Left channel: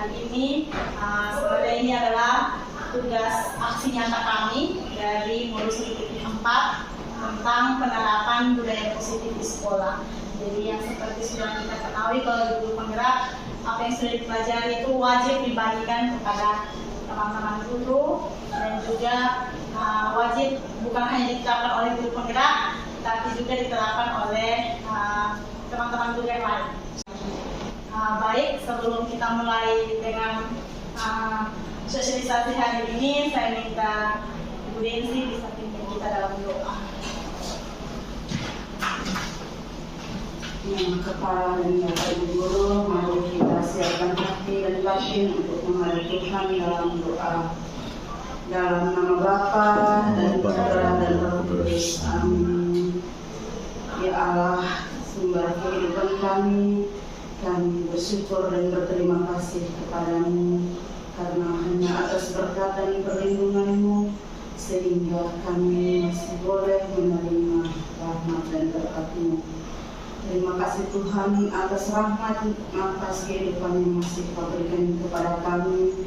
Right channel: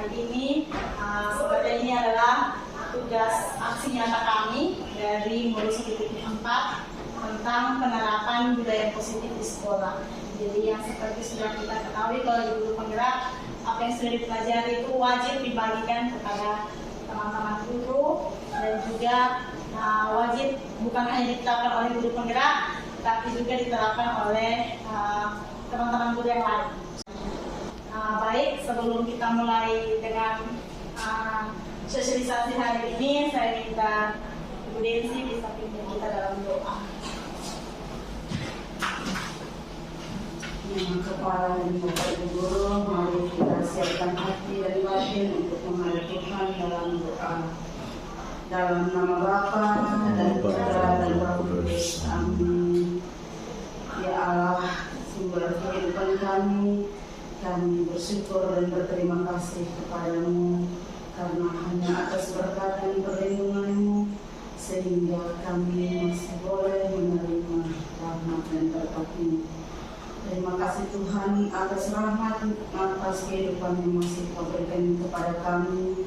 hari ini. Sebenarnya ini adalah tugas aksi nyata kami dari modul 1.4 tentang penerapan budaya positif di sekolah. Jadi yang seperti sudah kita ketahui, kalau guru penggerak, apa yang sudah dipelajari itu wajib dibagikan kepada teman-teman guru, dan juga wajib bukan hanya diterapkan oleh guru penggerak, tapi juga diterapkan oleh teman-teman guru yang lain. Baik, sebelum kita mulai dengan sosialisasi hari ini, saya minta Ibu Densi bisa pimpin kita dalam doa. Kepala dan Bapak Ibu Guru, mari kita siapkan hati dan batin untuk menghadap Tuhan dalam doa. Dalam nama Bapa dan Putra dan Roh Kudus. Amin. Ya Allah, sumber kehidupan kami bersyukur dan berterima kasih kepadamu karena hanya atas berkat dan perlindungan-Mu sehingga kami masih boleh menerima rahmat dan berkat-Mu. Terima kasih Tuhan atas rahmat, atas kehidupan yang masih Kau berikan kepada kami,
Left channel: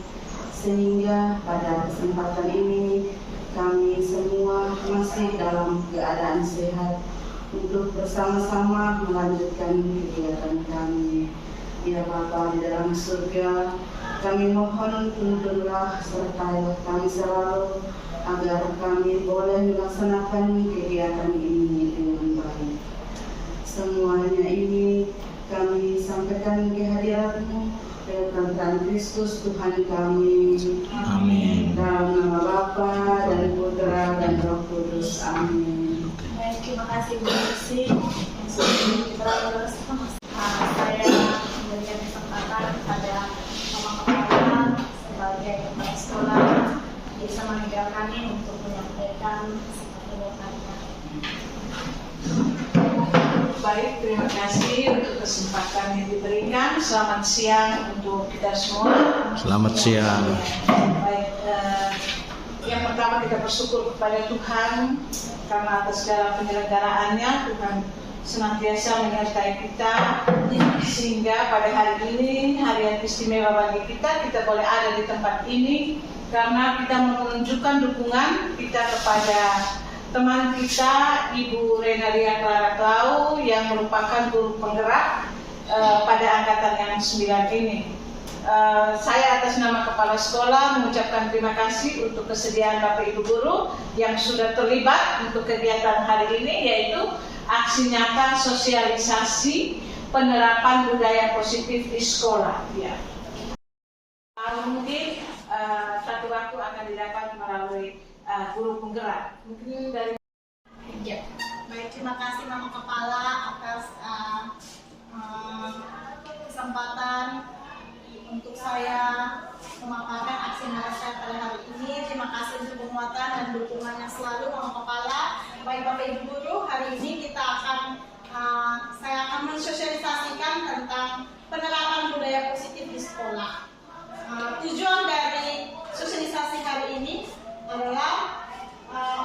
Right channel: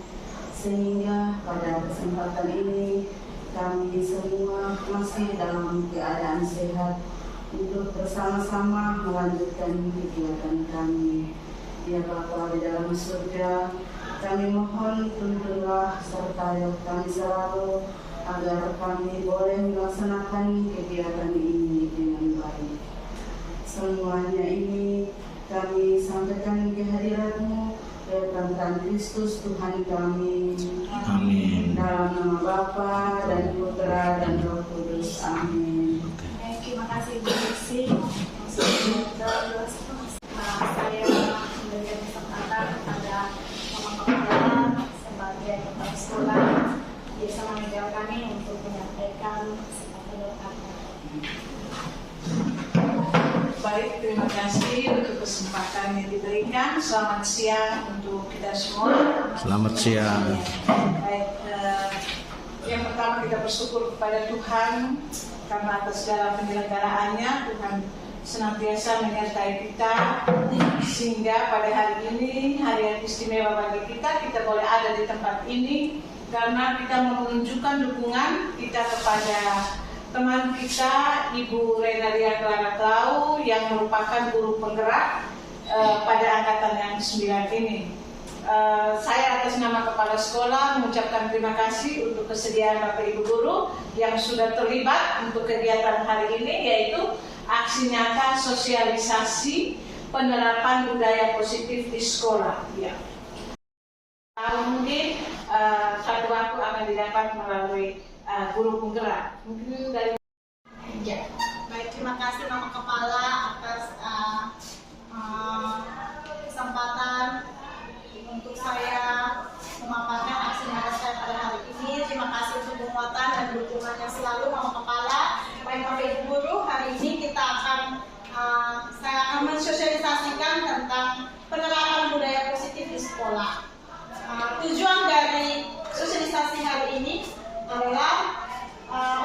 sehingga pada kesempatan ini kami semua masih dalam keadaan sehat untuk bersama-sama melanjutkan kegiatan kami. Ya Bapa di dalam surga, kami mohon tuntunlah sertai kami selalu agar kami boleh melaksanakan kegiatan ini dengan baik. Semuanya ini kami sampaikan ke hadirat-Mu lewat Tuhan Kristus Tuhan kami. Amin. Dalam nama Bapa dan Putra dan Roh Kudus. Amin. Baik, terima kasih Bu Densi. Saya memberikan kesempatan kepada Mama Kepala sebagai kepala sekolah bersama media kami untuk menyampaikan pendapatannya. Baik, terima kasih untuk kesempatan yang diberikan. Selamat siang untuk kita semua. Selamat siang. Baik, yang pertama kita bersyukur kepada Tuhan karena atas segala penyelenggaraannya. Tuhan senantiasa menyertai kita sehingga pada hari ini, hari yang istimewa bagi kita, kita boleh ada di tempat ini karena kita menunjukkan dukungan kita kepada teman kita Ibu Renalia Clara Clau yang merupakan guru penggerak pada angkatan yang 9 ini. Saya atas nama Kepala Sekolah mengucapkan terima kasih untuk kesediaan Bapak Ibu Guru yang sudah terlibat untuk kegiatan hari ini, yaitu aksi nyata sosialisasi penerapan budaya positif di sekolah. Ya. Mungkin satu waktu akan didapat melalui guru penggerak. Mungkin dari Ya. Baik, terima kasih Mama Kepala atas kesempatan untuk saya memaparkan aksi nyata saya pada hari ini. Terima kasih untuk penguatan dan dukungannya selalu Mama Kepala. Baik Bapak Ibu Guru, hari ini saya akan mensosialisasikan tentang penerapan budaya positif di sekolah. Tujuan dari sosialisasi hari ini adalah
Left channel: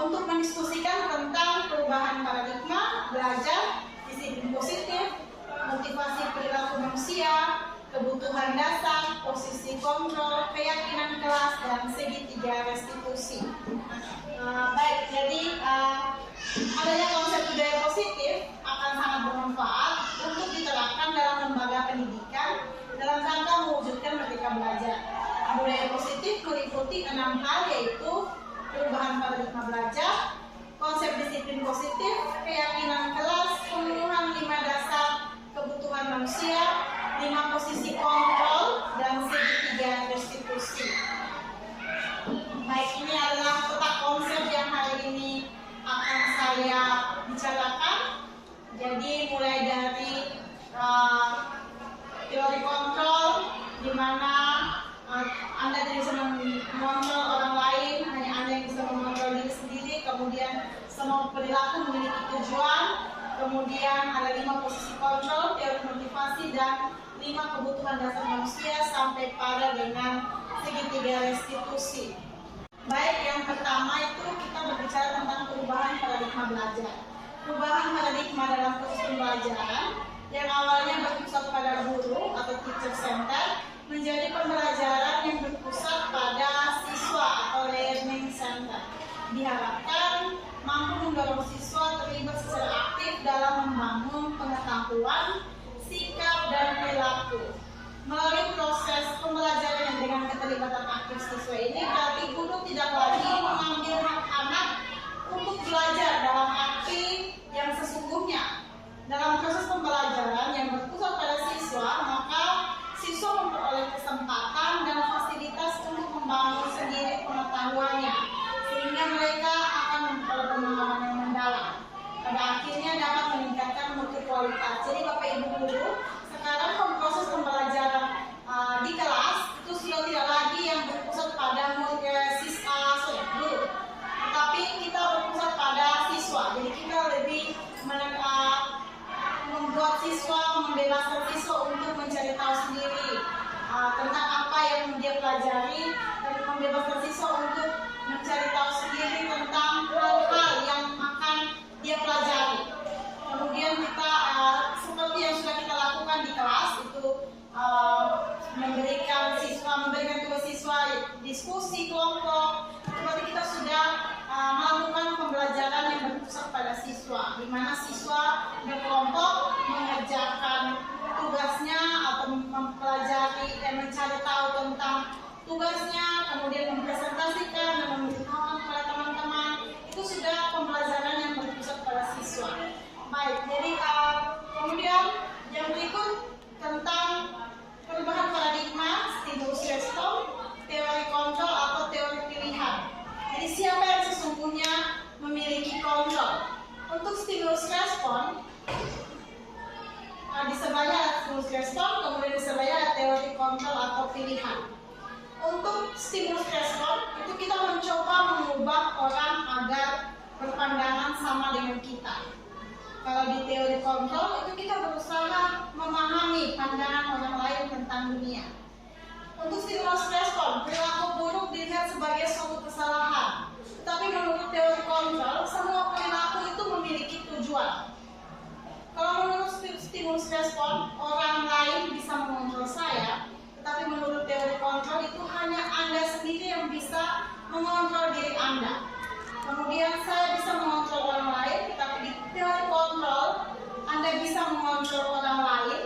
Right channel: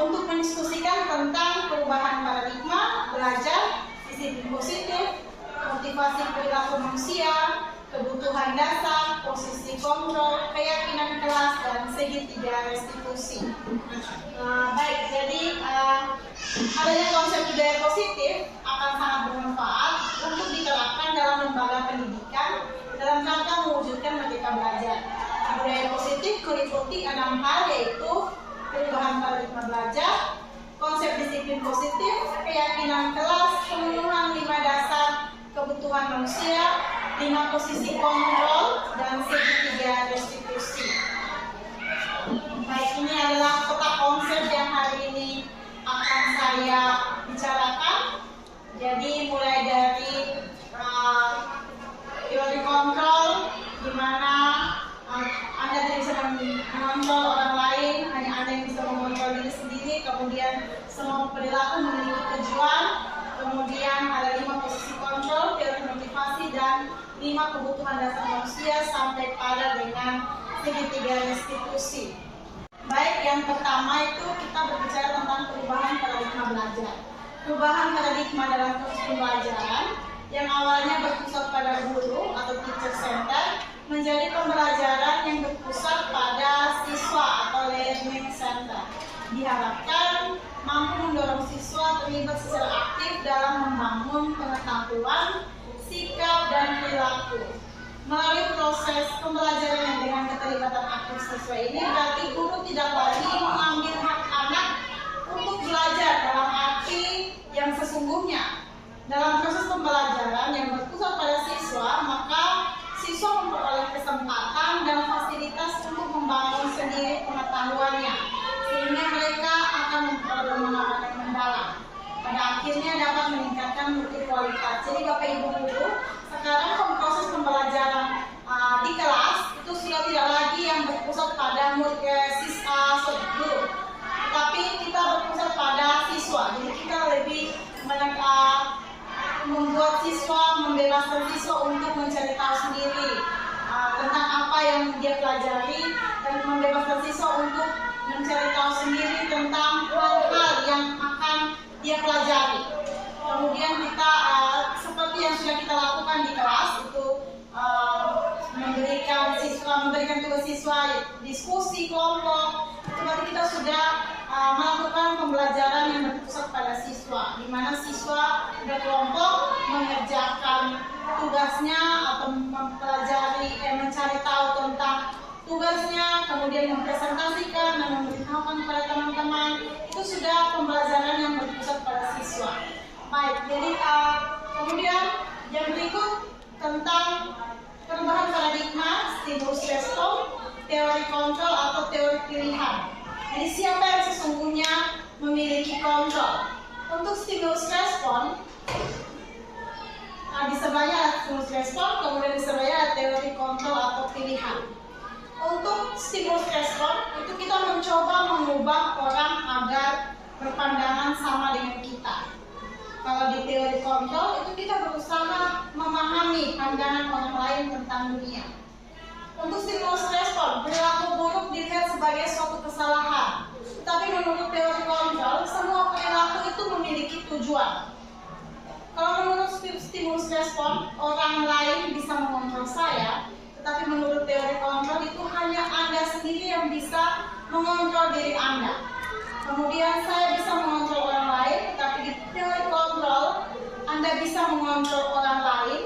untuk mendiskusikan tentang perubahan paradigma belajar, disiplin positif, motivasi perilaku manusia, kebutuhan dasar, posisi kontrol, keyakinan kelas, dan segitiga restitusi. Baik, jadi adanya konsep budaya positif akan sangat bermanfaat untuk diterapkan dalam lembaga pendidikan dalam rangka mewujudkan merdeka belajar. Budaya positif meliputi 6 hal, yaitu perubahan paradigma belajar, konsep disiplin positif, keyakinan kelas, pemenuhan 5 dasar kebutuhan manusia, 5 posisi kontrol, dan segitiga restitusi. Baik, ini adalah peta konsep yang hari ini akan saya bicarakan. Jadi mulai dari teori kontrol, di mana Anda tidak bisa mengontrol orang lain, hanya Anda yang bisa mengontrol diri sendiri. Kemudian semua perilaku memiliki tujuan. Kemudian ada 5 posisi kontrol, teori motivasi, dan 5 kebutuhan dasar manusia sampai pada dengan segitiga restitusi. Baik, yang pertama itu kita berbicara tentang perubahan paradigma belajar. Perubahan paradigma dalam proses pembelajaran yang awalnya berpusat pada guru atau teacher center menjadi menjadi pembelajaran yang berpusat pada siswa atau learning center. Diharapkan mampu mendorong siswa terlibat secara aktif dalam membangun pengetahuan, sikap, dan perilaku. Melalui proses pembelajaran yang dengan keterlibatan aktif siswa ini, berarti guru tidak lagi mengambil hak anak untuk belajar dalam arti yang sesungguhnya. Dalam proses pembelajaran yang berpusat pada siswa, maka siswa memperoleh kesempatan dan fasilitas untuk membangun sendiri pengetahuannya, sehingga mereka akan memperoleh pemahaman yang mendalam. Pada akhirnya dapat meningkatkan mutu kualitas. Jadi Bapak Ibu guru, sekarang proses pembelajaran di kelas itu sudah tidak lagi yang berpusat pada guru, tetapi kita berpusat pada siswa. Jadi kita lebih membuat siswa, membebaskan siswa untuk mencari tahu sendiri tentang apa yang dia pelajari, dan membebaskan siswa untuk mencari tahu sendiri tentang hal-hal yang akan dia pelajari. Kemudian kita seperti yang sudah kita lakukan di kelas itu memberikan tugas siswa diskusi kelompok. Itu berarti kita sudah melakukan pembelajaran yang berpusat pada siswa, di mana siswa berkelompok mengerjakan tugasnya atau mempelajari mencari tahu tentang tugasnya, kemudian mempresentasikan dan memberitahukan kepada teman-teman. Itu sudah pembelajaran yang berpusat pada siswa. Baik, jadi kemudian yang berikut tentang perubahan paradigma, stimulus respon, teori kontrol atau teori pilihan. Jadi siapa yang sesungguhnya memiliki kontrol? Untuk stimulus respon, di sebelahnya ada stimulus respon, kemudian di sebelahnya ada teori kontrol atau pilihan. Untuk stimulus respon, itu kita mencoba mengubah orang agar berpandangan sama dengan kita. Kalau di teori kontrol, itu kita berusaha memahami pandangan orang lain tentang dunia. Untuk stimulus respon, perilaku buruk dilihat sebagai suatu kesalahan. Tetapi menurut teori kontrol, semua perilaku itu memiliki tujuan. Kalau menurut stimulus respon, orang lain bisa mengontrol saya, tetapi menurut teori kontrol itu hanya Anda sendiri yang bisa mengontrol diri Anda. Kemudian saya bisa mengontrol orang lain, tetapi di teori kontrol Anda bisa mengontrol orang lain,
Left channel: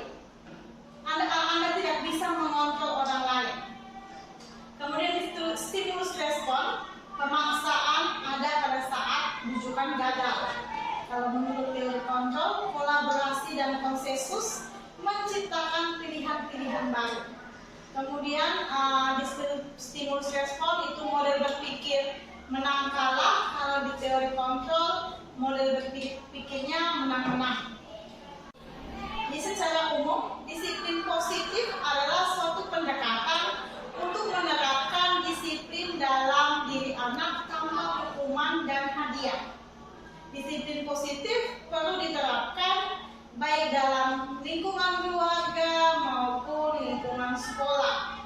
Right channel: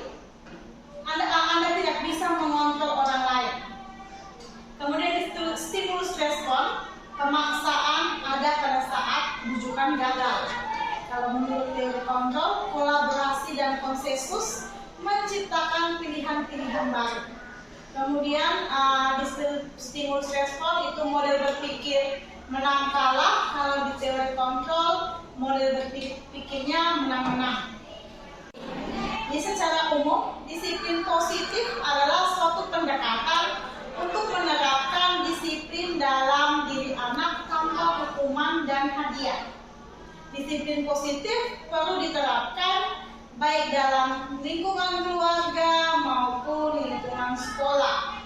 Anda tidak bisa mengontrol orang lain. Kemudian di stimulus respon, pemaksaan ada pada saat bujukan gagal. Kalau menurut teori kontrol, kolaborasi dan konsensus menciptakan pilihan-pilihan baru. Kemudian di stimulus respon itu model berpikir menang kalah. Kalau di teori kontrol, model berpikirnya menang-menang. Jadi secara umum, disiplin positif adalah suatu pendekatan untuk menerapkan disiplin dalam diri anak tanpa hukuman dan hadiah. Disiplin positif perlu diterapkan baik dalam lingkungan keluarga maupun lingkungan sekolah.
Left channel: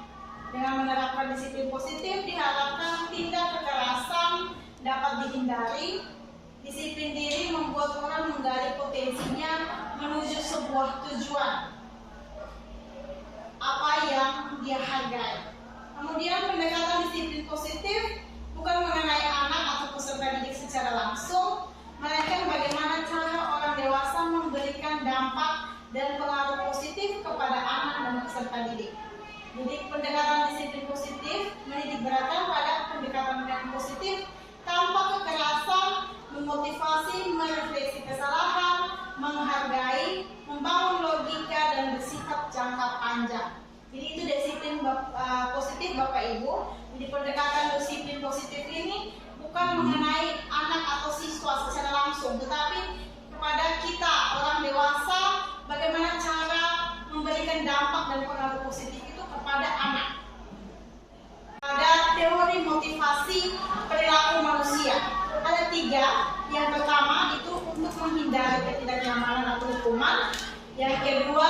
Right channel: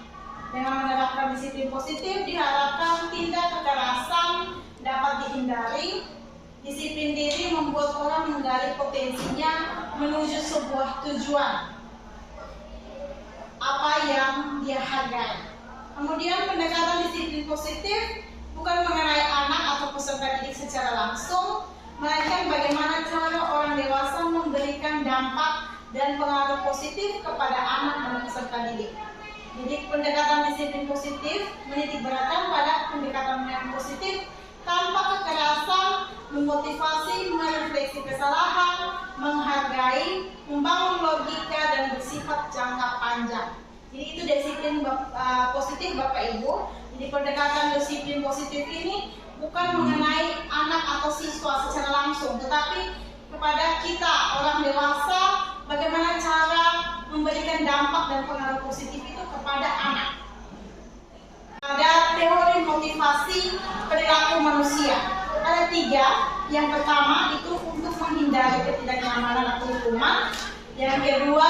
Dengan menerapkan disiplin positif diharapkan tindak kekerasan dapat dihindari. Disiplin diri membuat orang menggali potensinya menuju sebuah tujuan apa yang dia hargai. Kemudian pendekatan disiplin positif bukan mengenai anak atau peserta didik secara langsung, melainkan bagaimana cara orang dewasa memberikan dampak dan pengaruh positif kepada anak dan peserta didik. Jadi pendekatan disiplin positif menitikberatkan pada pendekatan yang positif tanpa kekerasan, memotivasi, merefleksi kesalahan, menghargai, membangun logika dan bersifat jangka panjang. Jadi itu disiplin positif Bapak Ibu. Jadi pendekatan disiplin positif ini bukan mengenai anak atau siswa secara langsung, tetapi kepada kita orang dewasa bagaimana cara memberikan dampak dan pengaruh positif itu kepada anak. Ada teori motivasi perilaku manusia. Ada 3. Yang pertama itu untuk menghindari ketidaknyamanan atau hukuman. Yang kedua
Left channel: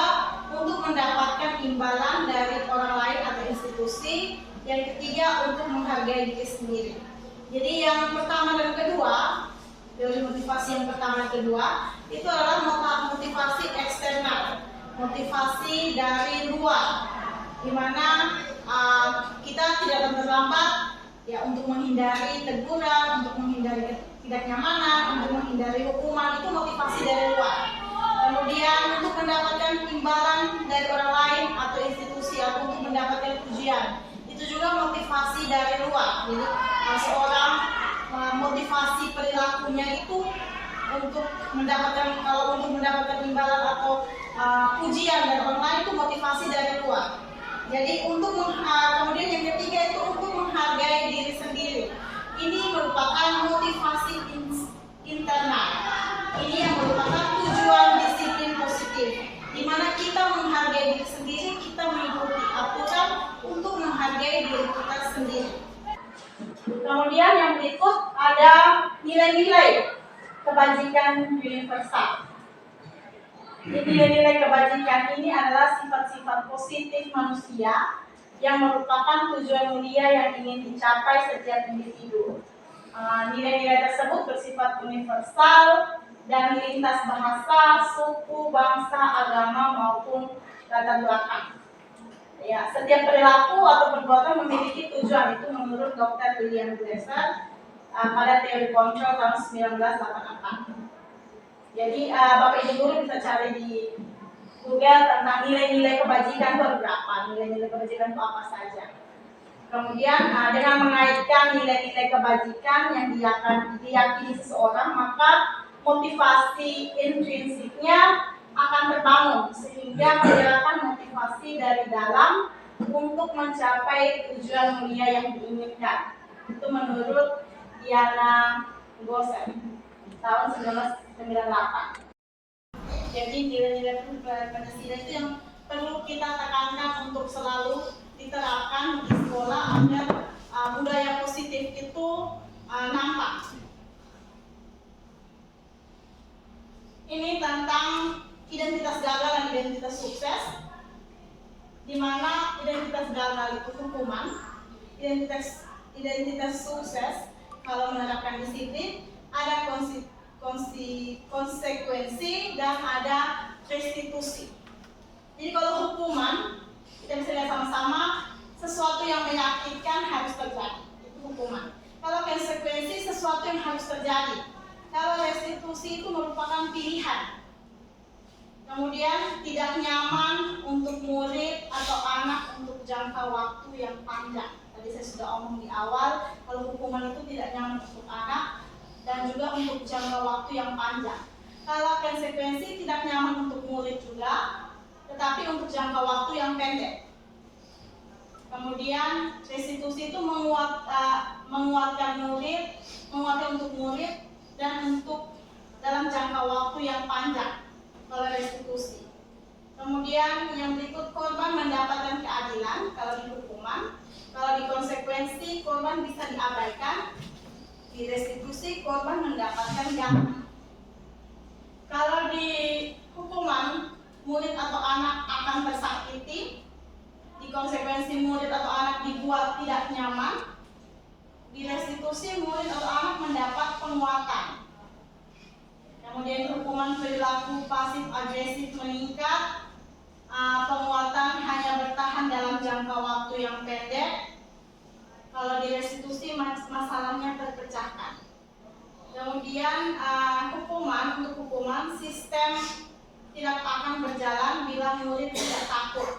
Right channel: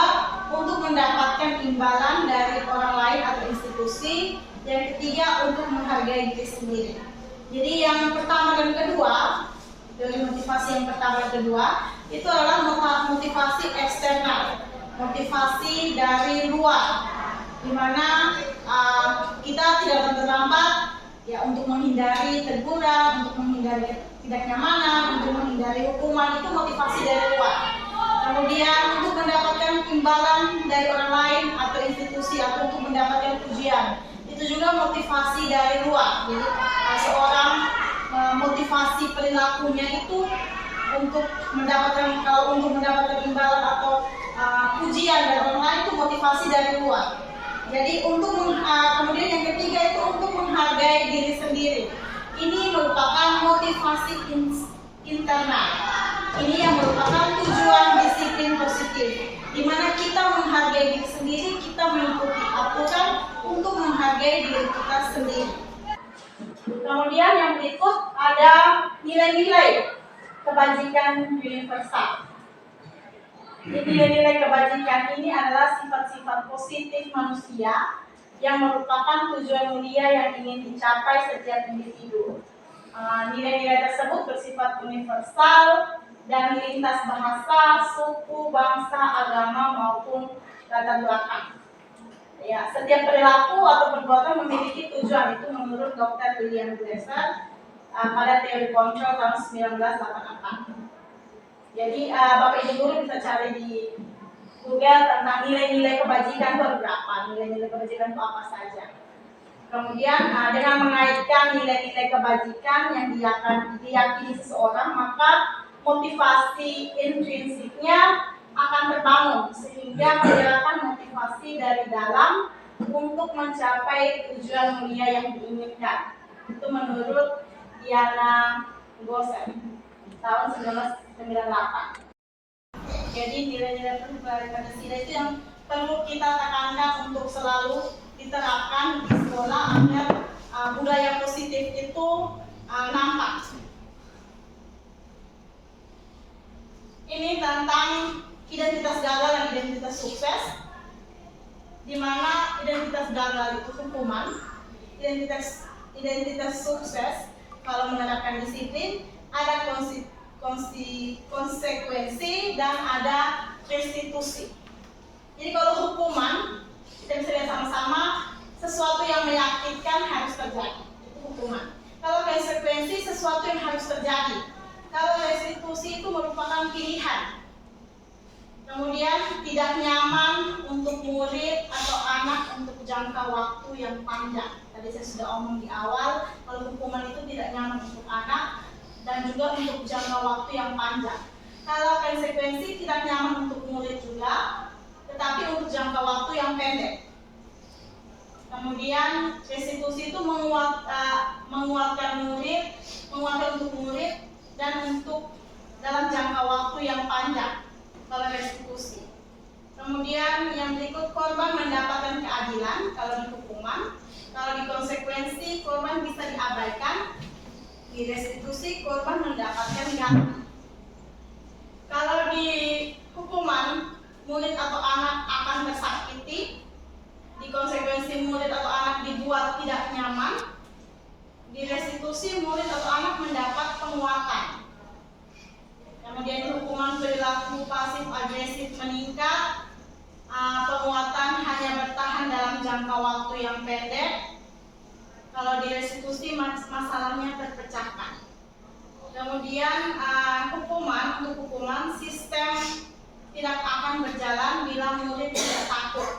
untuk mendapatkan imbalan dari orang lain atau institusi. Yang ketiga untuk menghargai diri sendiri. Jadi yang pertama dan kedua, teori motivasi yang pertama dan kedua itu adalah motivasi eksternal, motivasi dari luar, di mana tidak terlambat, ya untuk menghindari teguran, untuk menghindari ketidaknyamanan, untuk menghindari hukuman, itu motivasi dari luar. Kemudian untuk mendapatkan imbalan dari orang lain atau institusi atau untuk mendapatkan pujian, itu juga motivasi dari luar. Jadi seorang motivasi perilakunya itu untuk mendapatkan, kalau untuk mendapatkan imbalan atau pujian dari orang lain, itu motivasi dari luar. Jadi untuk kemudian yang ketiga itu untuk menghargai diri sendiri. Ini merupakan motivasi internal. Ini yang merupakan tujuan disiplin positif, di mana kita menghargai diri sendiri, kita mengikuti aturan untuk menghargai diri kita sendiri. Kemudian yang berikut ada nilai-nilai kebajikan universal. Nilai-nilai kebajikan ini adalah sifat-sifat positif manusia yang merupakan tujuan mulia yang ingin dicapai setiap individu. Nilai-nilai tersebut bersifat universal dan lintas bahasa, suku, bangsa, agama maupun latar belakang. Ya, setiap perilaku atau perbuatan memiliki tujuan, itu menurut Dr. William Glasser pada teori kontrol tahun 1988. Jadi Bapak Ibu guru bisa cari di Google tentang nilai-nilai kebajikan itu ada berapa, nilai-nilai kebajikan itu apa saja. Kemudian dengan mengaitkan nilai-nilai kebajikan yang diyakini seseorang, maka motivasi intrinsiknya akan terbangun sehingga menggerakkan motivasi dari dalam untuk mencapai tujuan mulia yang diinginkan. Itu menurut Diana Gosser tahun 1998. Jadi nilai-nilai Pancasila itu yang perlu kita tekankan untuk selalu diterapkan di sekolah agar budaya positif itu nampak. Ini tentang identitas gagal dan identitas sukses, di mana identitas gagal itu hukuman, identitas sukses kalau menerapkan disiplin ada konsekuensi dan ada restitusi. Jadi kalau hukuman kita bisa lihat sama-sama, sesuatu yang menyakitkan harus terjadi, itu hukuman. Kalau konsekuensi sesuatu yang harus terjadi. Kalau restitusi itu merupakan pilihan. Kemudian tidak nyaman untuk murid atau anak untuk jangka waktu yang panjang. Tadi saya sudah omong di awal, kalau hukuman itu tidak nyaman untuk anak dan juga untuk jangka waktu yang panjang. Kalau konsekuensi tidak nyaman untuk murid juga, tetapi untuk jangka waktu yang pendek. Kemudian restitusi itu menguatkan untuk murid dan untuk dalam jangka waktu yang panjang kalau restitusi. Kemudian yang berikut, korban mendapatkan keadilan kalau di hukuman. Kalau di konsekuensi, korban bisa diabaikan. Di restitusi, korban mendapatkan ganti. Kalau di hukuman, murid atau anak akan tersakiti. Di konsekuensi, murid atau anak dibuat tidak nyaman. Di restitusi, murid atau anak mendapat penguatan. Kemudian hukuman perilaku pasif agresif meningkat, penguatan hanya bertahan dalam jangka waktu yang pendek. Kalau di restitusi masalahnya terpecahkan. Kemudian untuk hukuman sistem tidak akan berjalan bila murid tidak takut.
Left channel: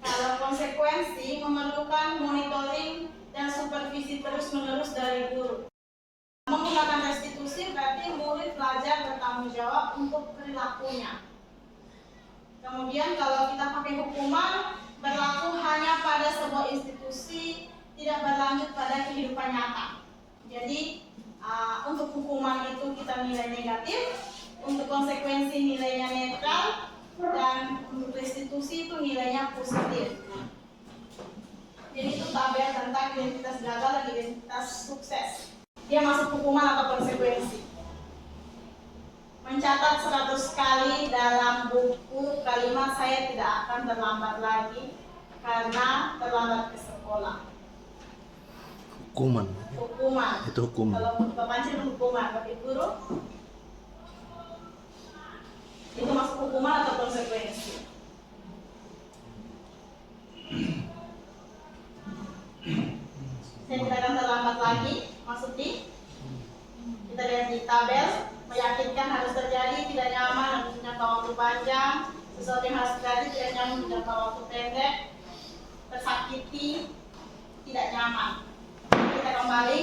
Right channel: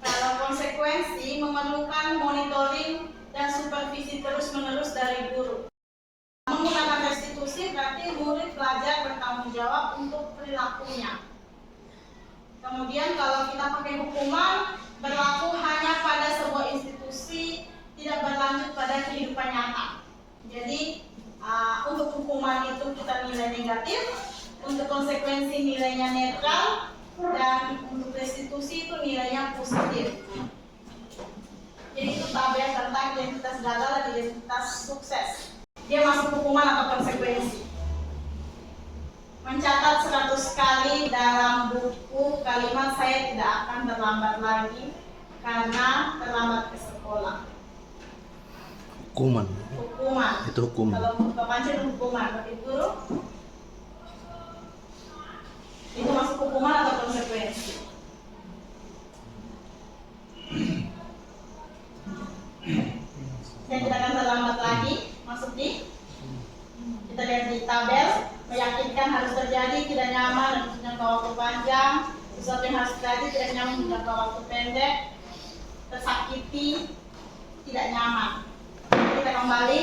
Kalau konsekuensi memerlukan monitoring dan supervisi terus-menerus dari guru. Menggunakan restitusi berarti murid belajar bertanggung jawab untuk perilakunya. Kemudian kalau kita pakai hukuman, berlaku hanya pada sebuah institusi, tidak berlanjut pada kehidupan nyata. Jadi untuk hukuman itu kita nilai negatif, untuk konsekuensi nilainya netral, dan untuk restitusi itu nilainya positif. Jadi itu tabel tentang identitas gagal dan identitas sukses. Dia masuk hukuman atau konsekuensi. Mencatat 100 kali dalam buku kalimat saya tidak akan terlambat lagi karena terlambat ke sekolah. Hukuman. Itu hukuman. Kalau Bapak itu hukuman, Bapak Guru itu masuk hukuman atau konsekuensi? nyaman dan jangka waktu panjang, sesuatu yang harus terjadi tidak nyaman di jangka waktu pendek, tersakiti, tidak nyaman. Kita kembali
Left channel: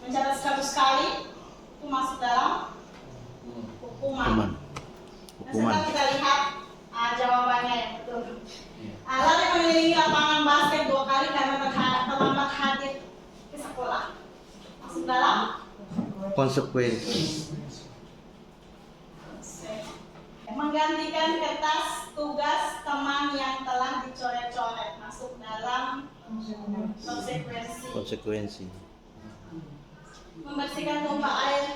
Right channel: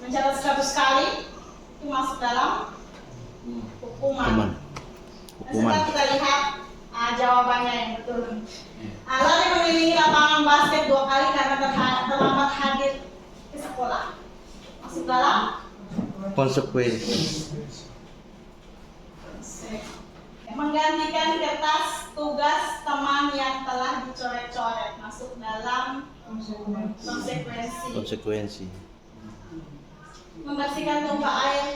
mencatat 100 kali itu masuk dalam hukuman. Dan sekarang kita lihat jawabannya yang betul. Lari mengelilingi lapangan basket 2 kali karena terlambat hadir ke sekolah. Masuk dalam Konsekuensi. menggantikan kertas tugas teman yang telah dicoret-coret. Masuk dalam konsekuensi. Membersihkan tumpah air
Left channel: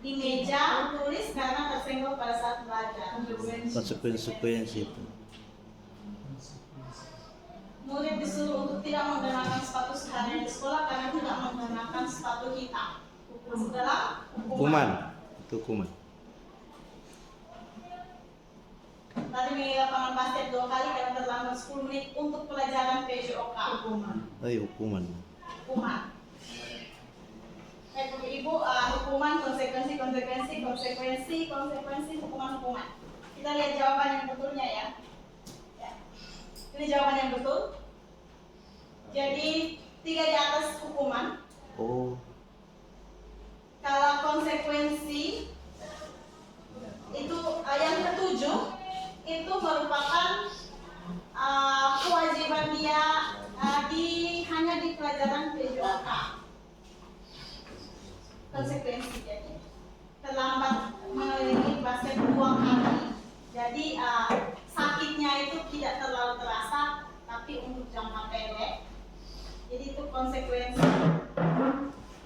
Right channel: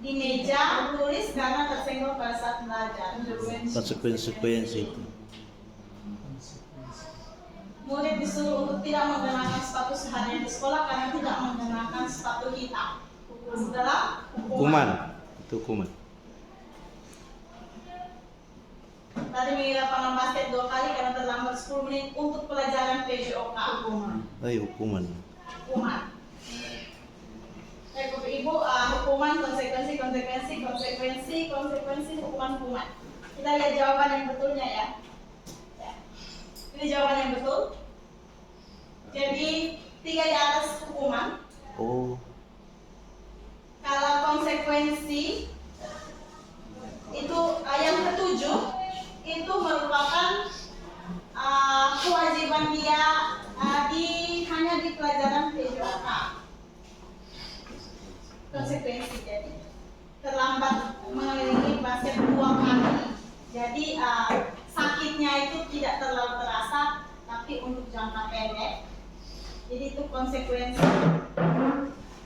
di meja tulis karena tersenggol pada saat belajar. Konsekuensi. Murid disuruh untuk tidak menggunakan sepatu seharian di sekolah karena tidak menggunakan sepatu hitam. Masuk dalam Hukuman. Itu hukuman. Tadi mengira lapangan basket 2 kali karena terlambat 10 menit untuk pelajaran PJOK. Hukuman. Baik Bapak Ibu, hukuman, konsekuensi, hukuman. Kita lihat jawaban yang betulnya ya. Ini jawaban yang betul. Jadi 3 di atas hukuman. Kalau konsekuensi itu yang ketujuh itu merupakan kewajiban dia hanya di pelajaran PJOK. Konsekuensi jadi terlambat mengelilingi basket 2 kali. Jadi sakitnya itu tidak terlalu terasa, tapi untuk jangka pendek. Jadi itu konsekuensi.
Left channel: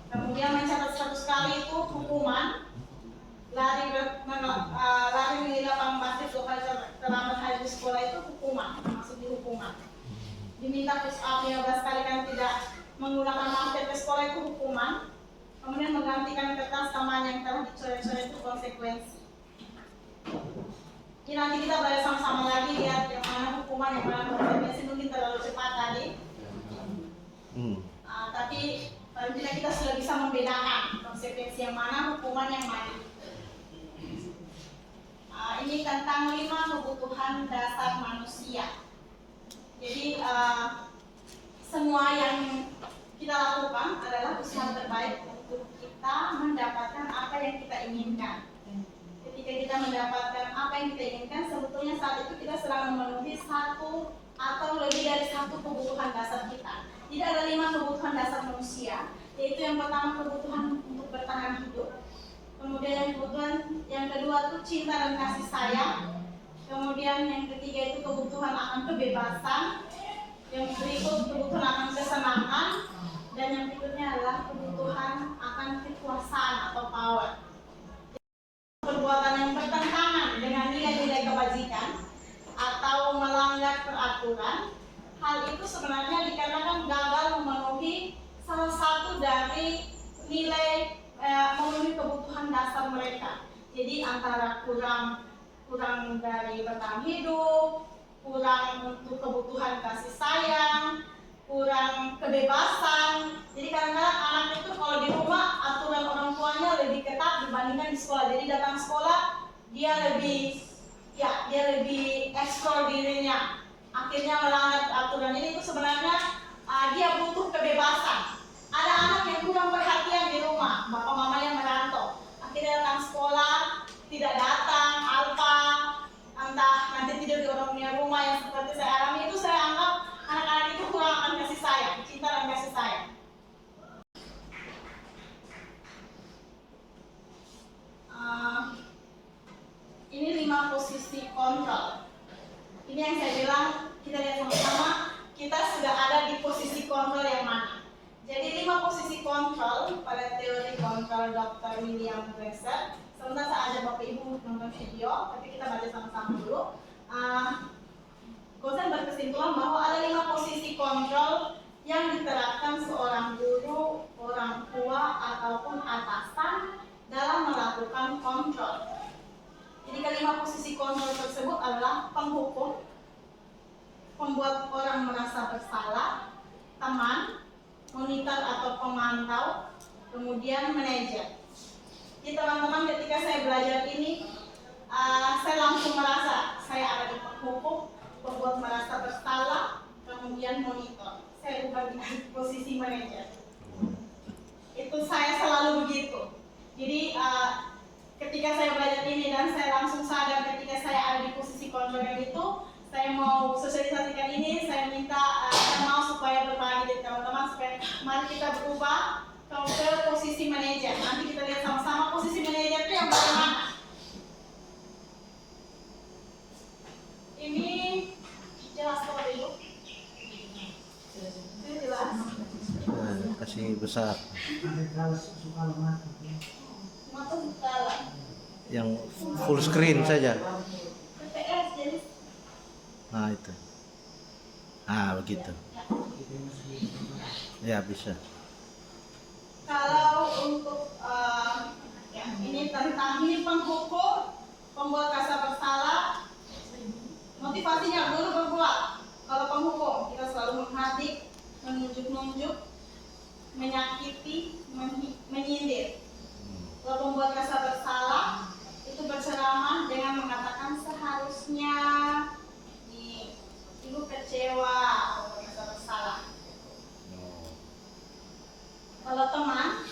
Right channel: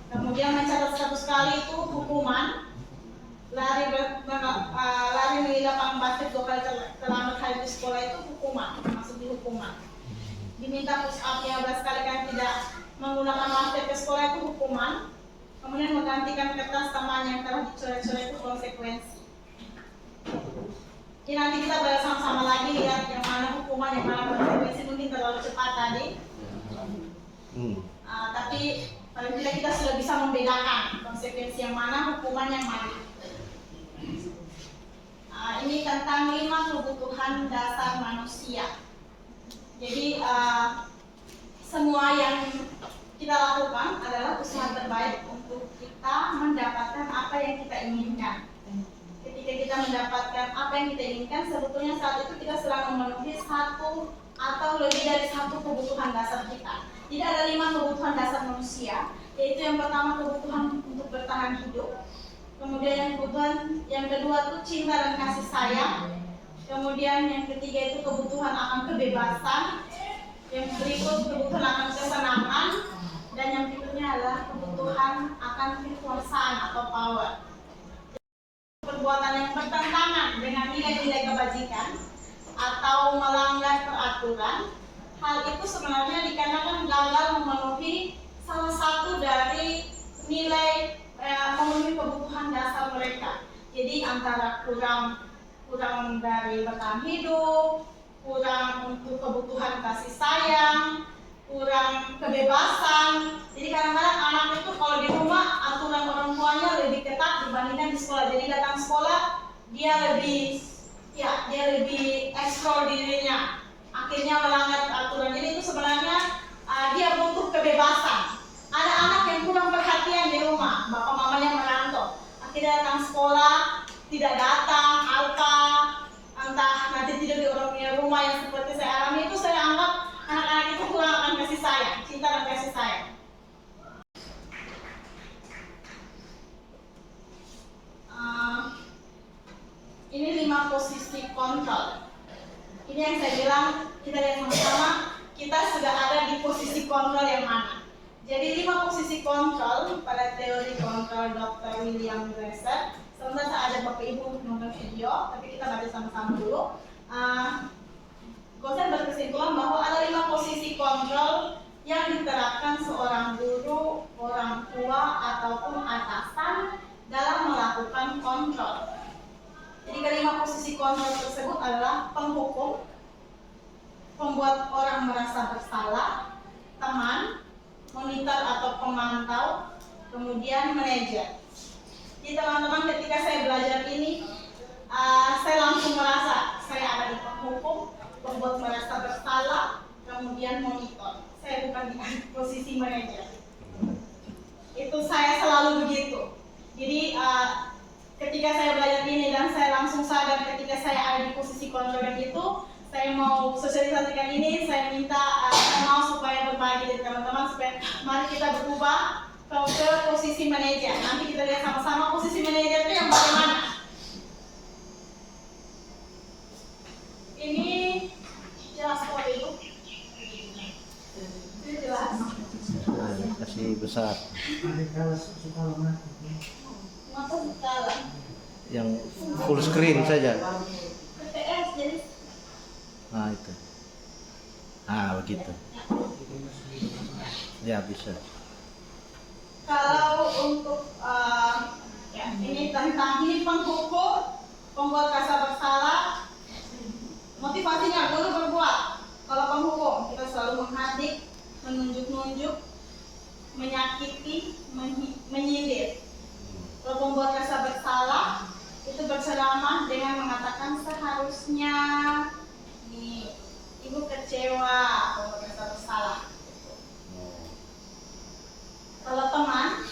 Kemudian mencatat 100 kali itu hukuman. Lari di lapangan basket 2 kali terlambat hadir di sekolah itu hukuman, masuk di hukuman. Diminta push up 15 kali kan tidak menggunakan masker ke sekolah itu hukuman. Kemudian menggantikan kertas teman yang telah dicoret-coret itu konsekuensi. Jadi nanti kita belajar sama-sama lagi lihat yang mana hukuman, yang mana konsekuensi. Mungkin terlalu cepat tadi. Tapi paling tidak kita sudah bisa membedakan konsekuensi yang mana, hukuman yang mana. Ini tentang 5 kebutuhan dasar manusia. Jadi semua yang kita lakukan adalah usaha terbaik untuk kita mendapatkan apa yang kita inginkan. Ketika kita mendapatkan apa yang kita inginkan, sebetulnya saat itu kita sedang memenuhi 1 atau lebih dari 1 kebutuhan dasar kita. Jadi ada 5 kebutuhan dasar manusia, yaitu yang pertama kebutuhan untuk bertahan hidup. Kemudian yang kedua itu cinta dan kasih sayang. Kemudian yang ketiga itu kebutuhan akan kebebasan. Yang berikut kebutuhan akan kesenangan. Dan yang berikutnya adalah kebutuhan akan kekuasaan atau power. Perbuatan yang bertentangan dengan nilai-nilai kebajikan atau melanggar peraturan, hal itu sebenarnya dikarenakan gagal memenuhi salah satu dari nilai memenuhi kebutuhan dasar mereka. Jadi antara kurang dari bertahan hidup, kurang untuk kebutuhan kasih sayang, kurang kebebasan. Jadi kadang-kadang anak itu kalau di rumah aturan orang tuanya lebih ketat dibandingkan di sekolah. Jadi datang sekolah dia lebih eksplor dirinya, akhirnya melanggar aturan. Jadi itu sebenarnya dia butuh kebebasan. Ada anak yang kurang perhatian di rumah, bapak mamanya merantau, akhirnya datang sekolah tidak datang, entah nanti tidur di orang punya rumah yang seperti saya alami. Itu saya anggap anak-anak itu kurang akan kasih sayang, cinta dan kasih sayang. Ini 5 posisi kontrol. Ini yang saya bilang, kita lihat sama-sama, kita sudah ada di posisi kontrol yang mana. Jadi 5 posisi kontrol pada teori kontrol Dr. William Glasser. Sebentar saya ajak Bapak Ibu nonton video, tapi kita baca sama-sama dulu. Glasser berkesimpulan bahwa ada 5 posisi kontrol yang diterapkan seorang guru, orang tua, ataupun atasan dalam melakukan kontrol. Jadi kelima posisi kontrol tersebut adalah penghukum, pembuat orang merasa bersalah, teman, monitor atau pemantau, kemudian manajer. Jadi teman-teman, ketika saya belajar ini, saya langsung merasa saya ada di penghukum, pembuat merasa bersalah, kemudian monitor. Saya bukan di posisi manajer. Itu saya selalu begitu. Jadi ketika saya belajar ini dan saya langsung sadar ketika saya ada di posisi konsultan itu, saya mau sosialisasikan ini, saya minta, saya mau supaya berbagi dengan teman-teman, supaya mari kita berubah ke posisi manajer. Nanti kita lihat sama-sama posisi manajer itu yang bagaimana. Ini jelas kok Ibu? Ini jelas. Kasih besar. Mata dalam. Yang full screen saja. PPS jadi. Nah itu. Begitu. Ya bisa. Kalau untuk ini tentang ini penghukum, pembuat rasa bersalah, motivasinya guru berbuat. Kalau penghukum kita selalu menghadik, menunjuk-nunjuk, menyakiti, menyindir. Kalau pembuat rasa bersalah itu berceramah dengan mengatakan seharusnya nih ibu kecewa, pembuat rasa bersalah. Kalau teman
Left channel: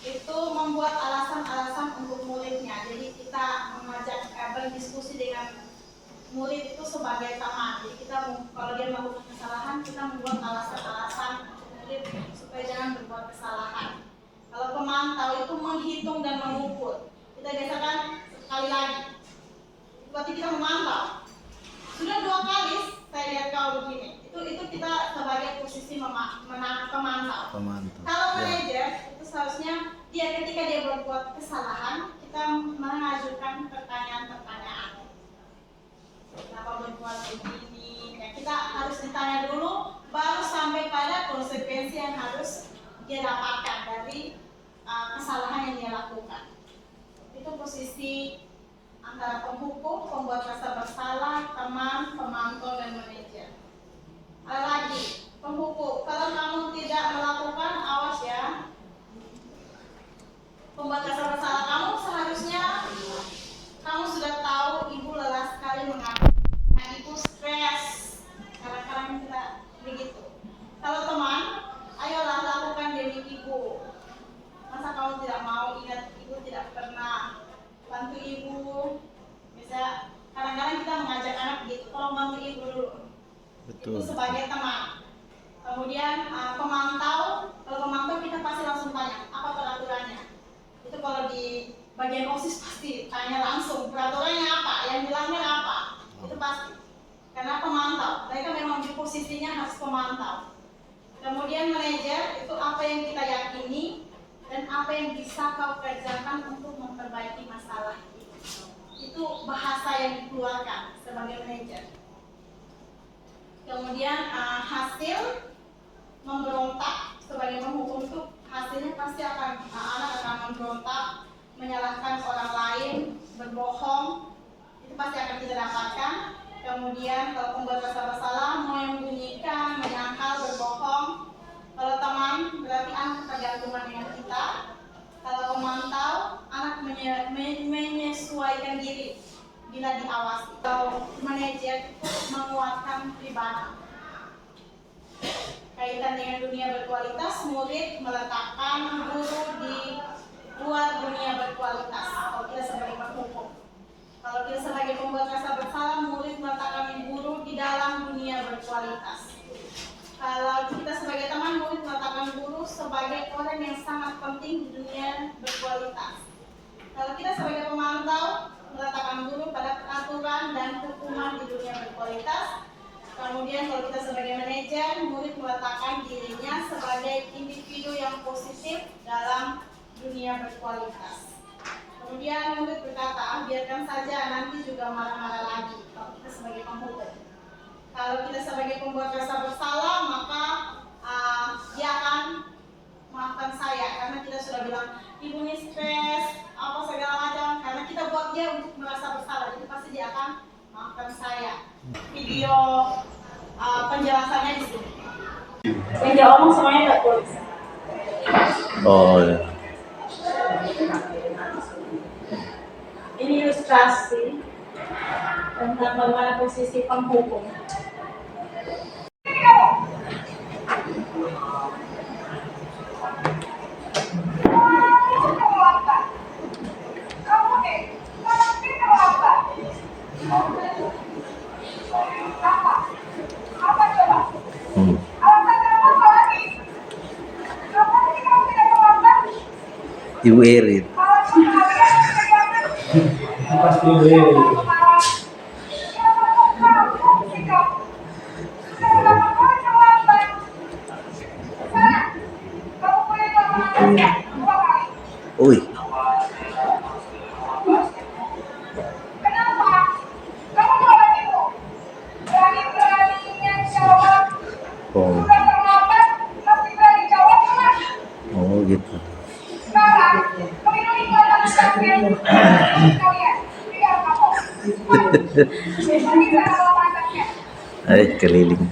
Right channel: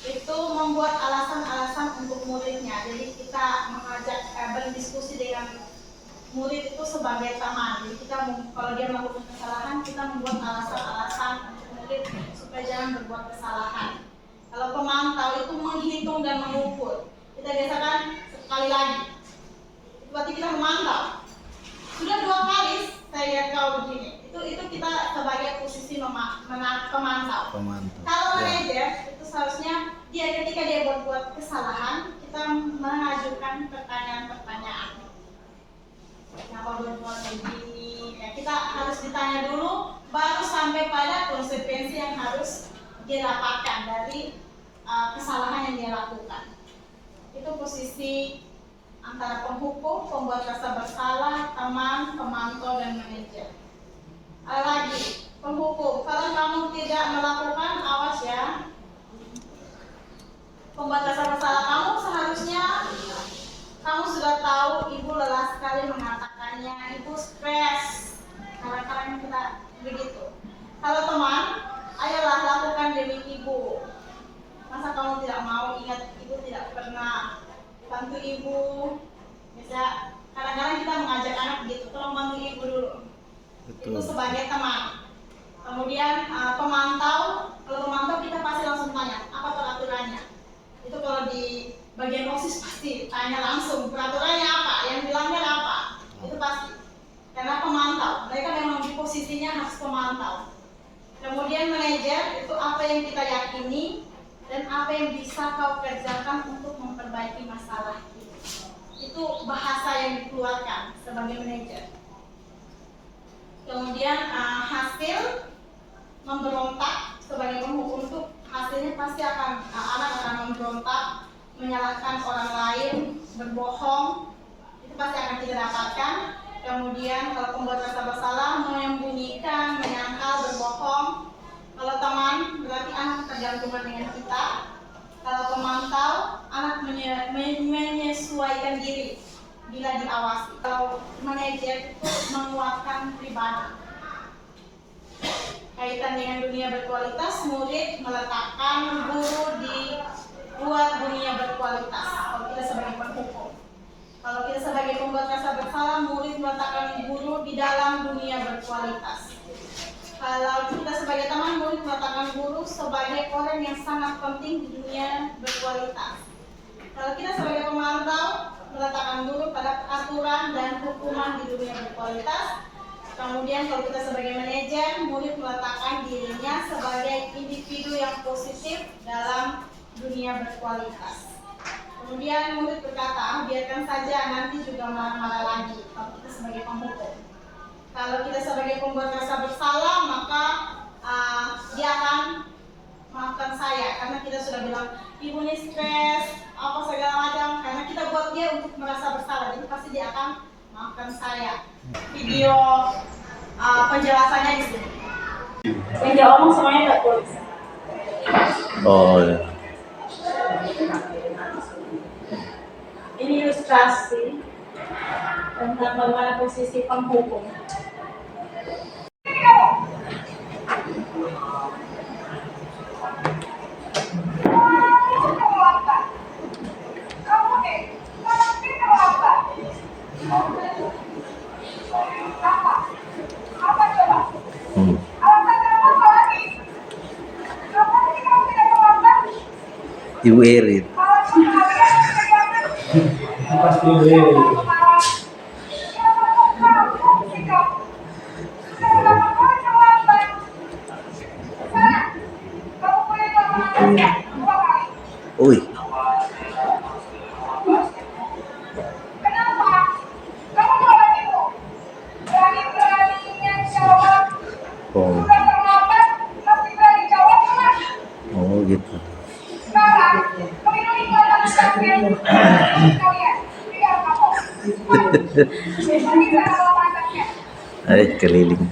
itu membuat alasan-alasan untuk muridnya, jadi kita mengajak berdiskusi dengan murid itu sebagai teman. Jadi kita kalau dia melakukan kesalahan, kita membuat alasan-alasan untuk murid supaya jangan berbuat kesalahan. Kalau pemantau itu menghitung dan mengukur. Kita biasakan sekali lagi. Itu berarti kita memantau. Sudah 2 kali saya lihat kau begini. Itu kita sebagai posisi pemantau. Kalau manajer itu seharusnya dia ketika dia berbuat kesalahan, kita mengajukan pertanyaan-pertanyaan. Kenapa berbuat begini? Ya, kita harus ditanya dulu, baru sampai pada konsekuensi yang harus dia dapatkan dari kesalahan yang dia lakukan. Itu posisi antara penghukum, pembuat rasa bersalah, teman, pemantau, dan manajer. Ada lagi, penghukum. Kalau kamu tidak melakukan, awas ya. Pembuat rasa bersalah kamu seharusnya kamu sudah tahu ibu lelah sekali mengatakannya, ibu stres. Kadang-kadang kita begitu. Kalau teman, ayolah lakukan demi ibu. Masa kamu tidak mau, ingat ibu tidak pernah bantu ibu. Bisa kadang-kadang kita mengajak anak begitu, tolong bantu ibu dulu. Betul. Itu sebagai teman. Kemudian pemantau, kalau pemantau kita pasti langsung tanya, apa peraturannya? Itu kalau di bagian OSIS pasti tanya langsung, peraturannya apa, yang dilanggar apa? Itu pasti. Karena pemantau, mereka memang di posisinya harus pemantau. Kemudian manajer, itu apa yang kita yakini dan apa yang bisa kau kerjakan untuk memperbaiki masalah itu. Itu bahasa yang dikeluarkan sebagai manajer. Kemudian hasil memberontak sebagai penghukum itu hasilnya pasti akan anak akan memberontak, menyalahkan orang lain, berbohong, itu pasti akan kita dapatkan. Kemudian kalau pembuat rasa bersalah, menyembunyikan, menyangkal, berbohong. Kalau teman berarti anak tergantungan dengan kita. Kalau pemantau, anak menyesuaikan diri bila diawasi. Kalau manajer itu menguatkan pribadi. Kaitan dengan dunia berkualitas, murid meletakkan guru di luar dunia berkualitas. Kalau kita sebagai penghukum, kalau kita sebagai pembuat rasa bersalah, murid meletakkan guru di dalam dunia berkualitas. Kalau kita sebagai teman, murid meletakkan guru sebagai orang yang sangat penting di dunia berkualitas. Kalau kita sebagai pemantau, meletakkan guru pada peraturan dan hukuman di dunia berkualitas. Kemudian kalau kita sebagai manajer, murid meletakkan dirinya sebagai individu yang positif dalam dunia berkualitas. Kemudian murid berkata, biarkan saja, nanti juga marah-marah lagi. Kalau kita sebagai penghukum. Kalau kita sebagai pembuat rasa bersalah, maka dia akan maafkan saya karena kita sudah bilang ibu ini stres, apa segala macam, karena kita buat dia untuk merasa bersalah, jadi pasti dia akan maafkan saya. Video penjelasannya di sini. Yang dia omong semuanya nggak tulis. Oh ya. administrasi tentang bagaimana posisi penghukum. Hmm. Ibu Erin. Pasti boleh. Ui. Oh. Oh gitu. Keliling.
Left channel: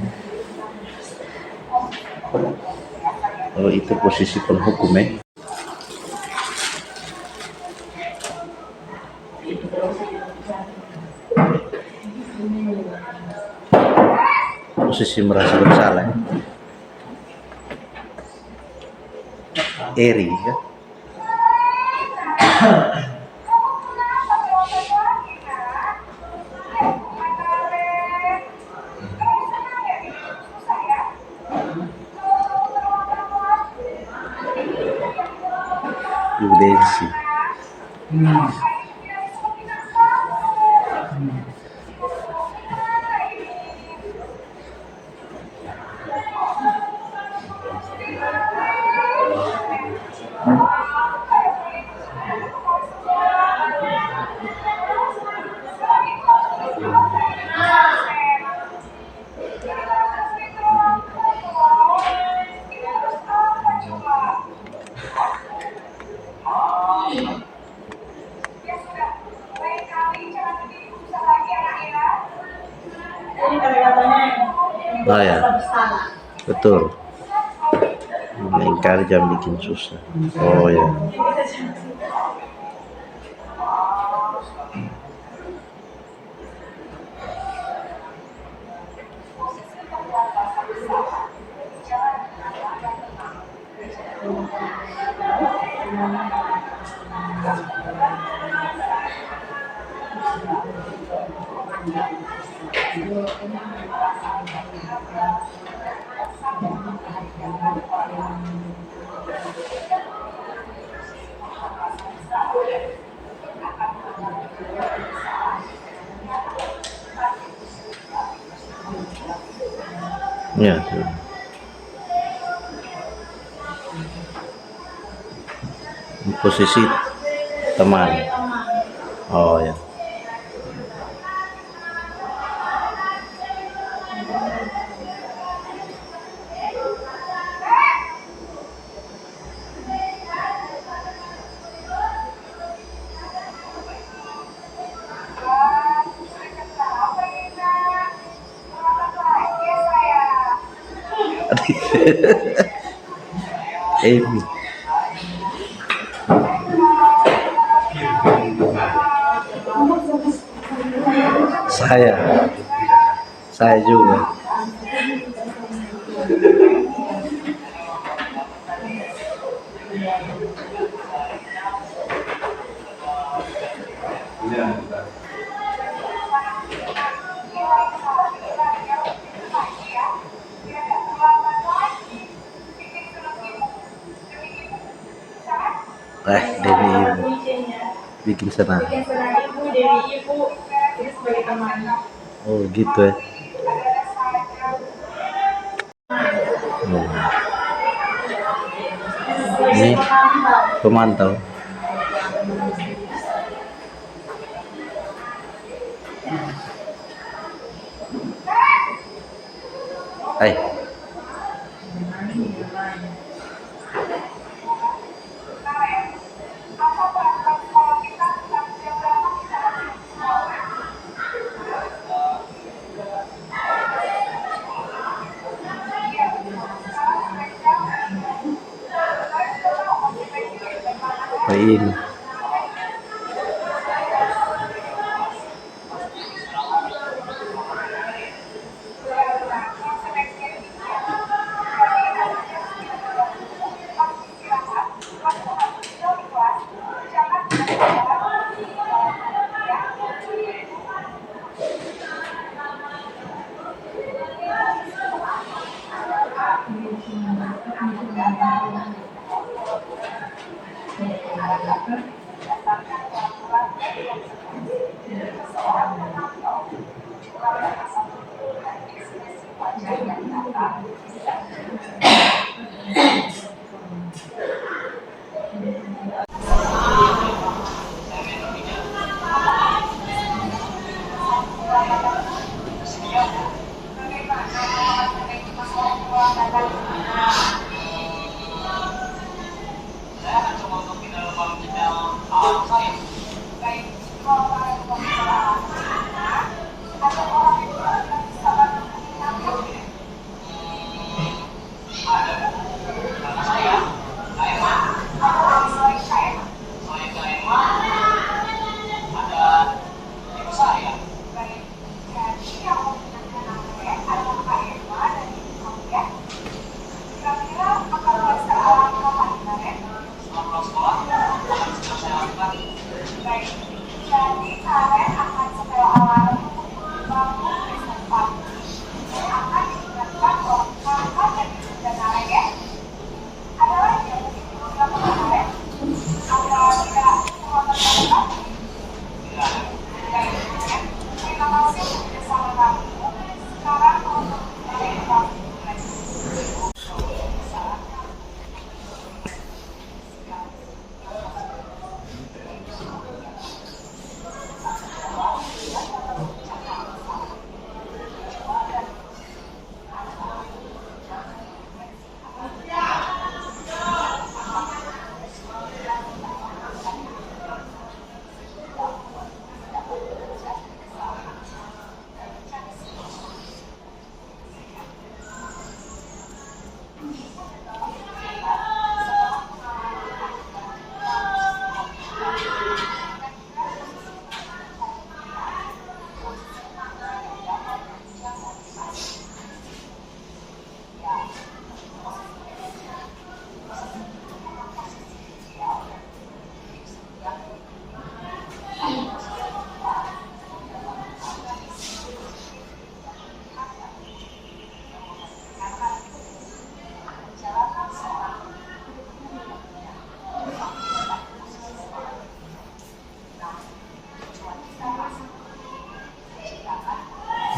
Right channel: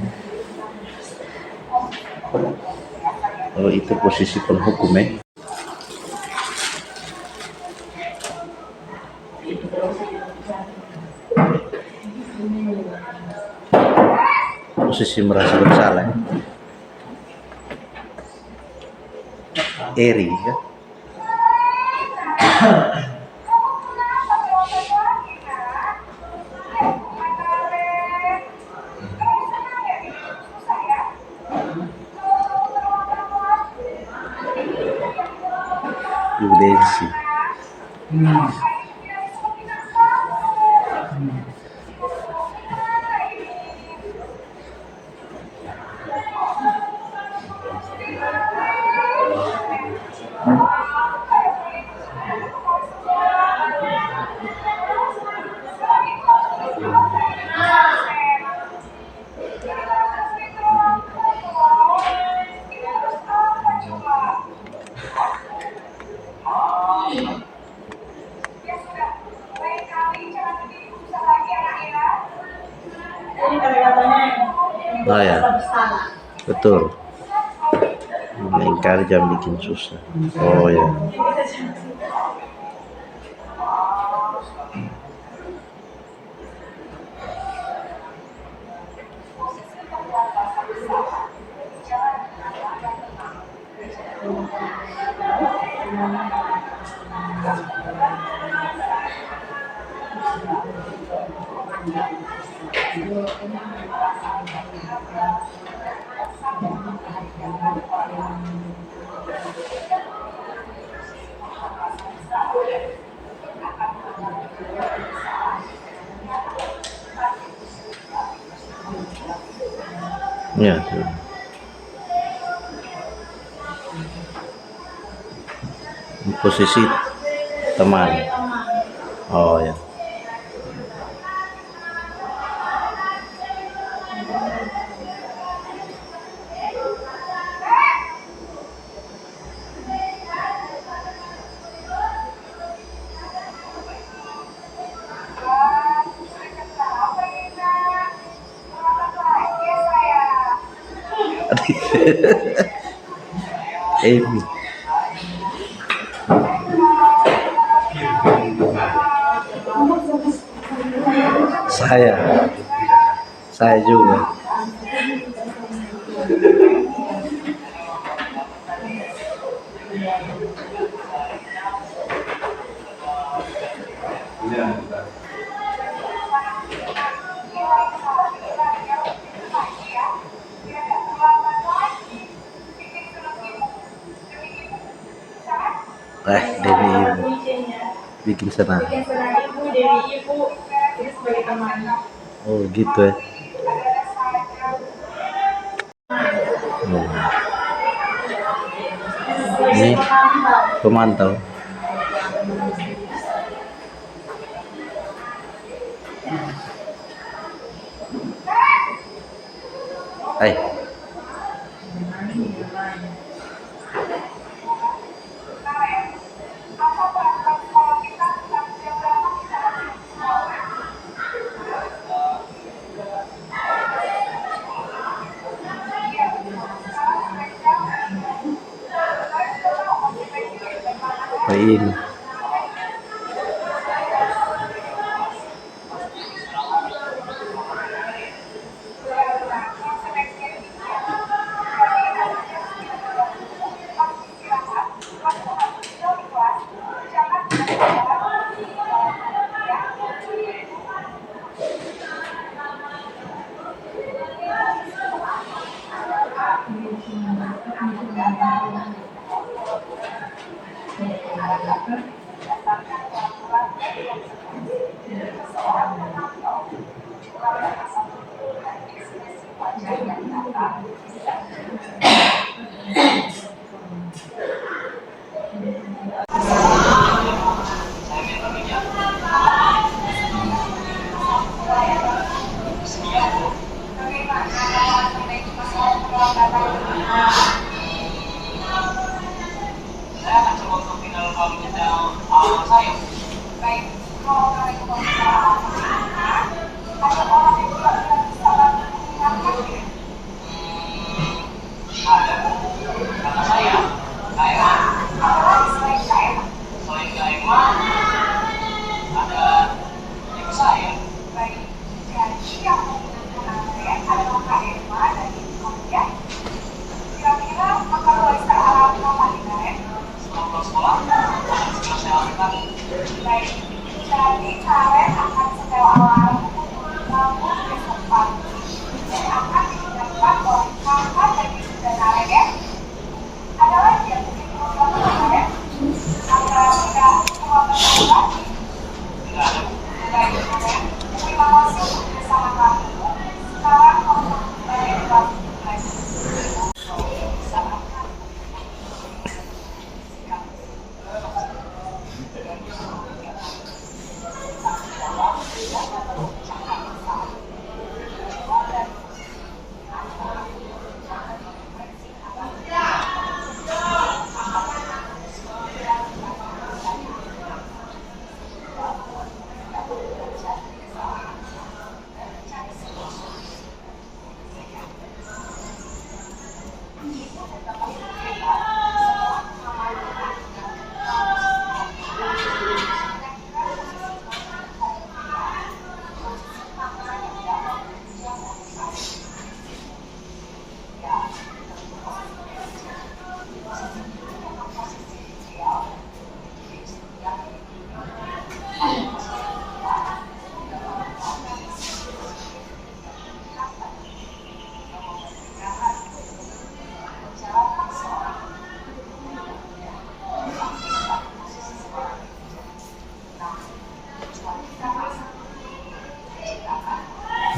Oh itu posisi penghukum ya. Posisi merasa bersalah. Eri ya. Yudensi. Jadi kata-katanya Oh ya, bersalah. betul. Ingkar jangan bikin susah. Oh ya. Ya. Posisi teman. Oh ya. Emi. Saya juga. Dewi Ibu bikin senang. Bikin senang ibu, Dewi ibu, jadi sebagai teman. Oh gitu ya. Oh. Ini pemantau. Hai. Ini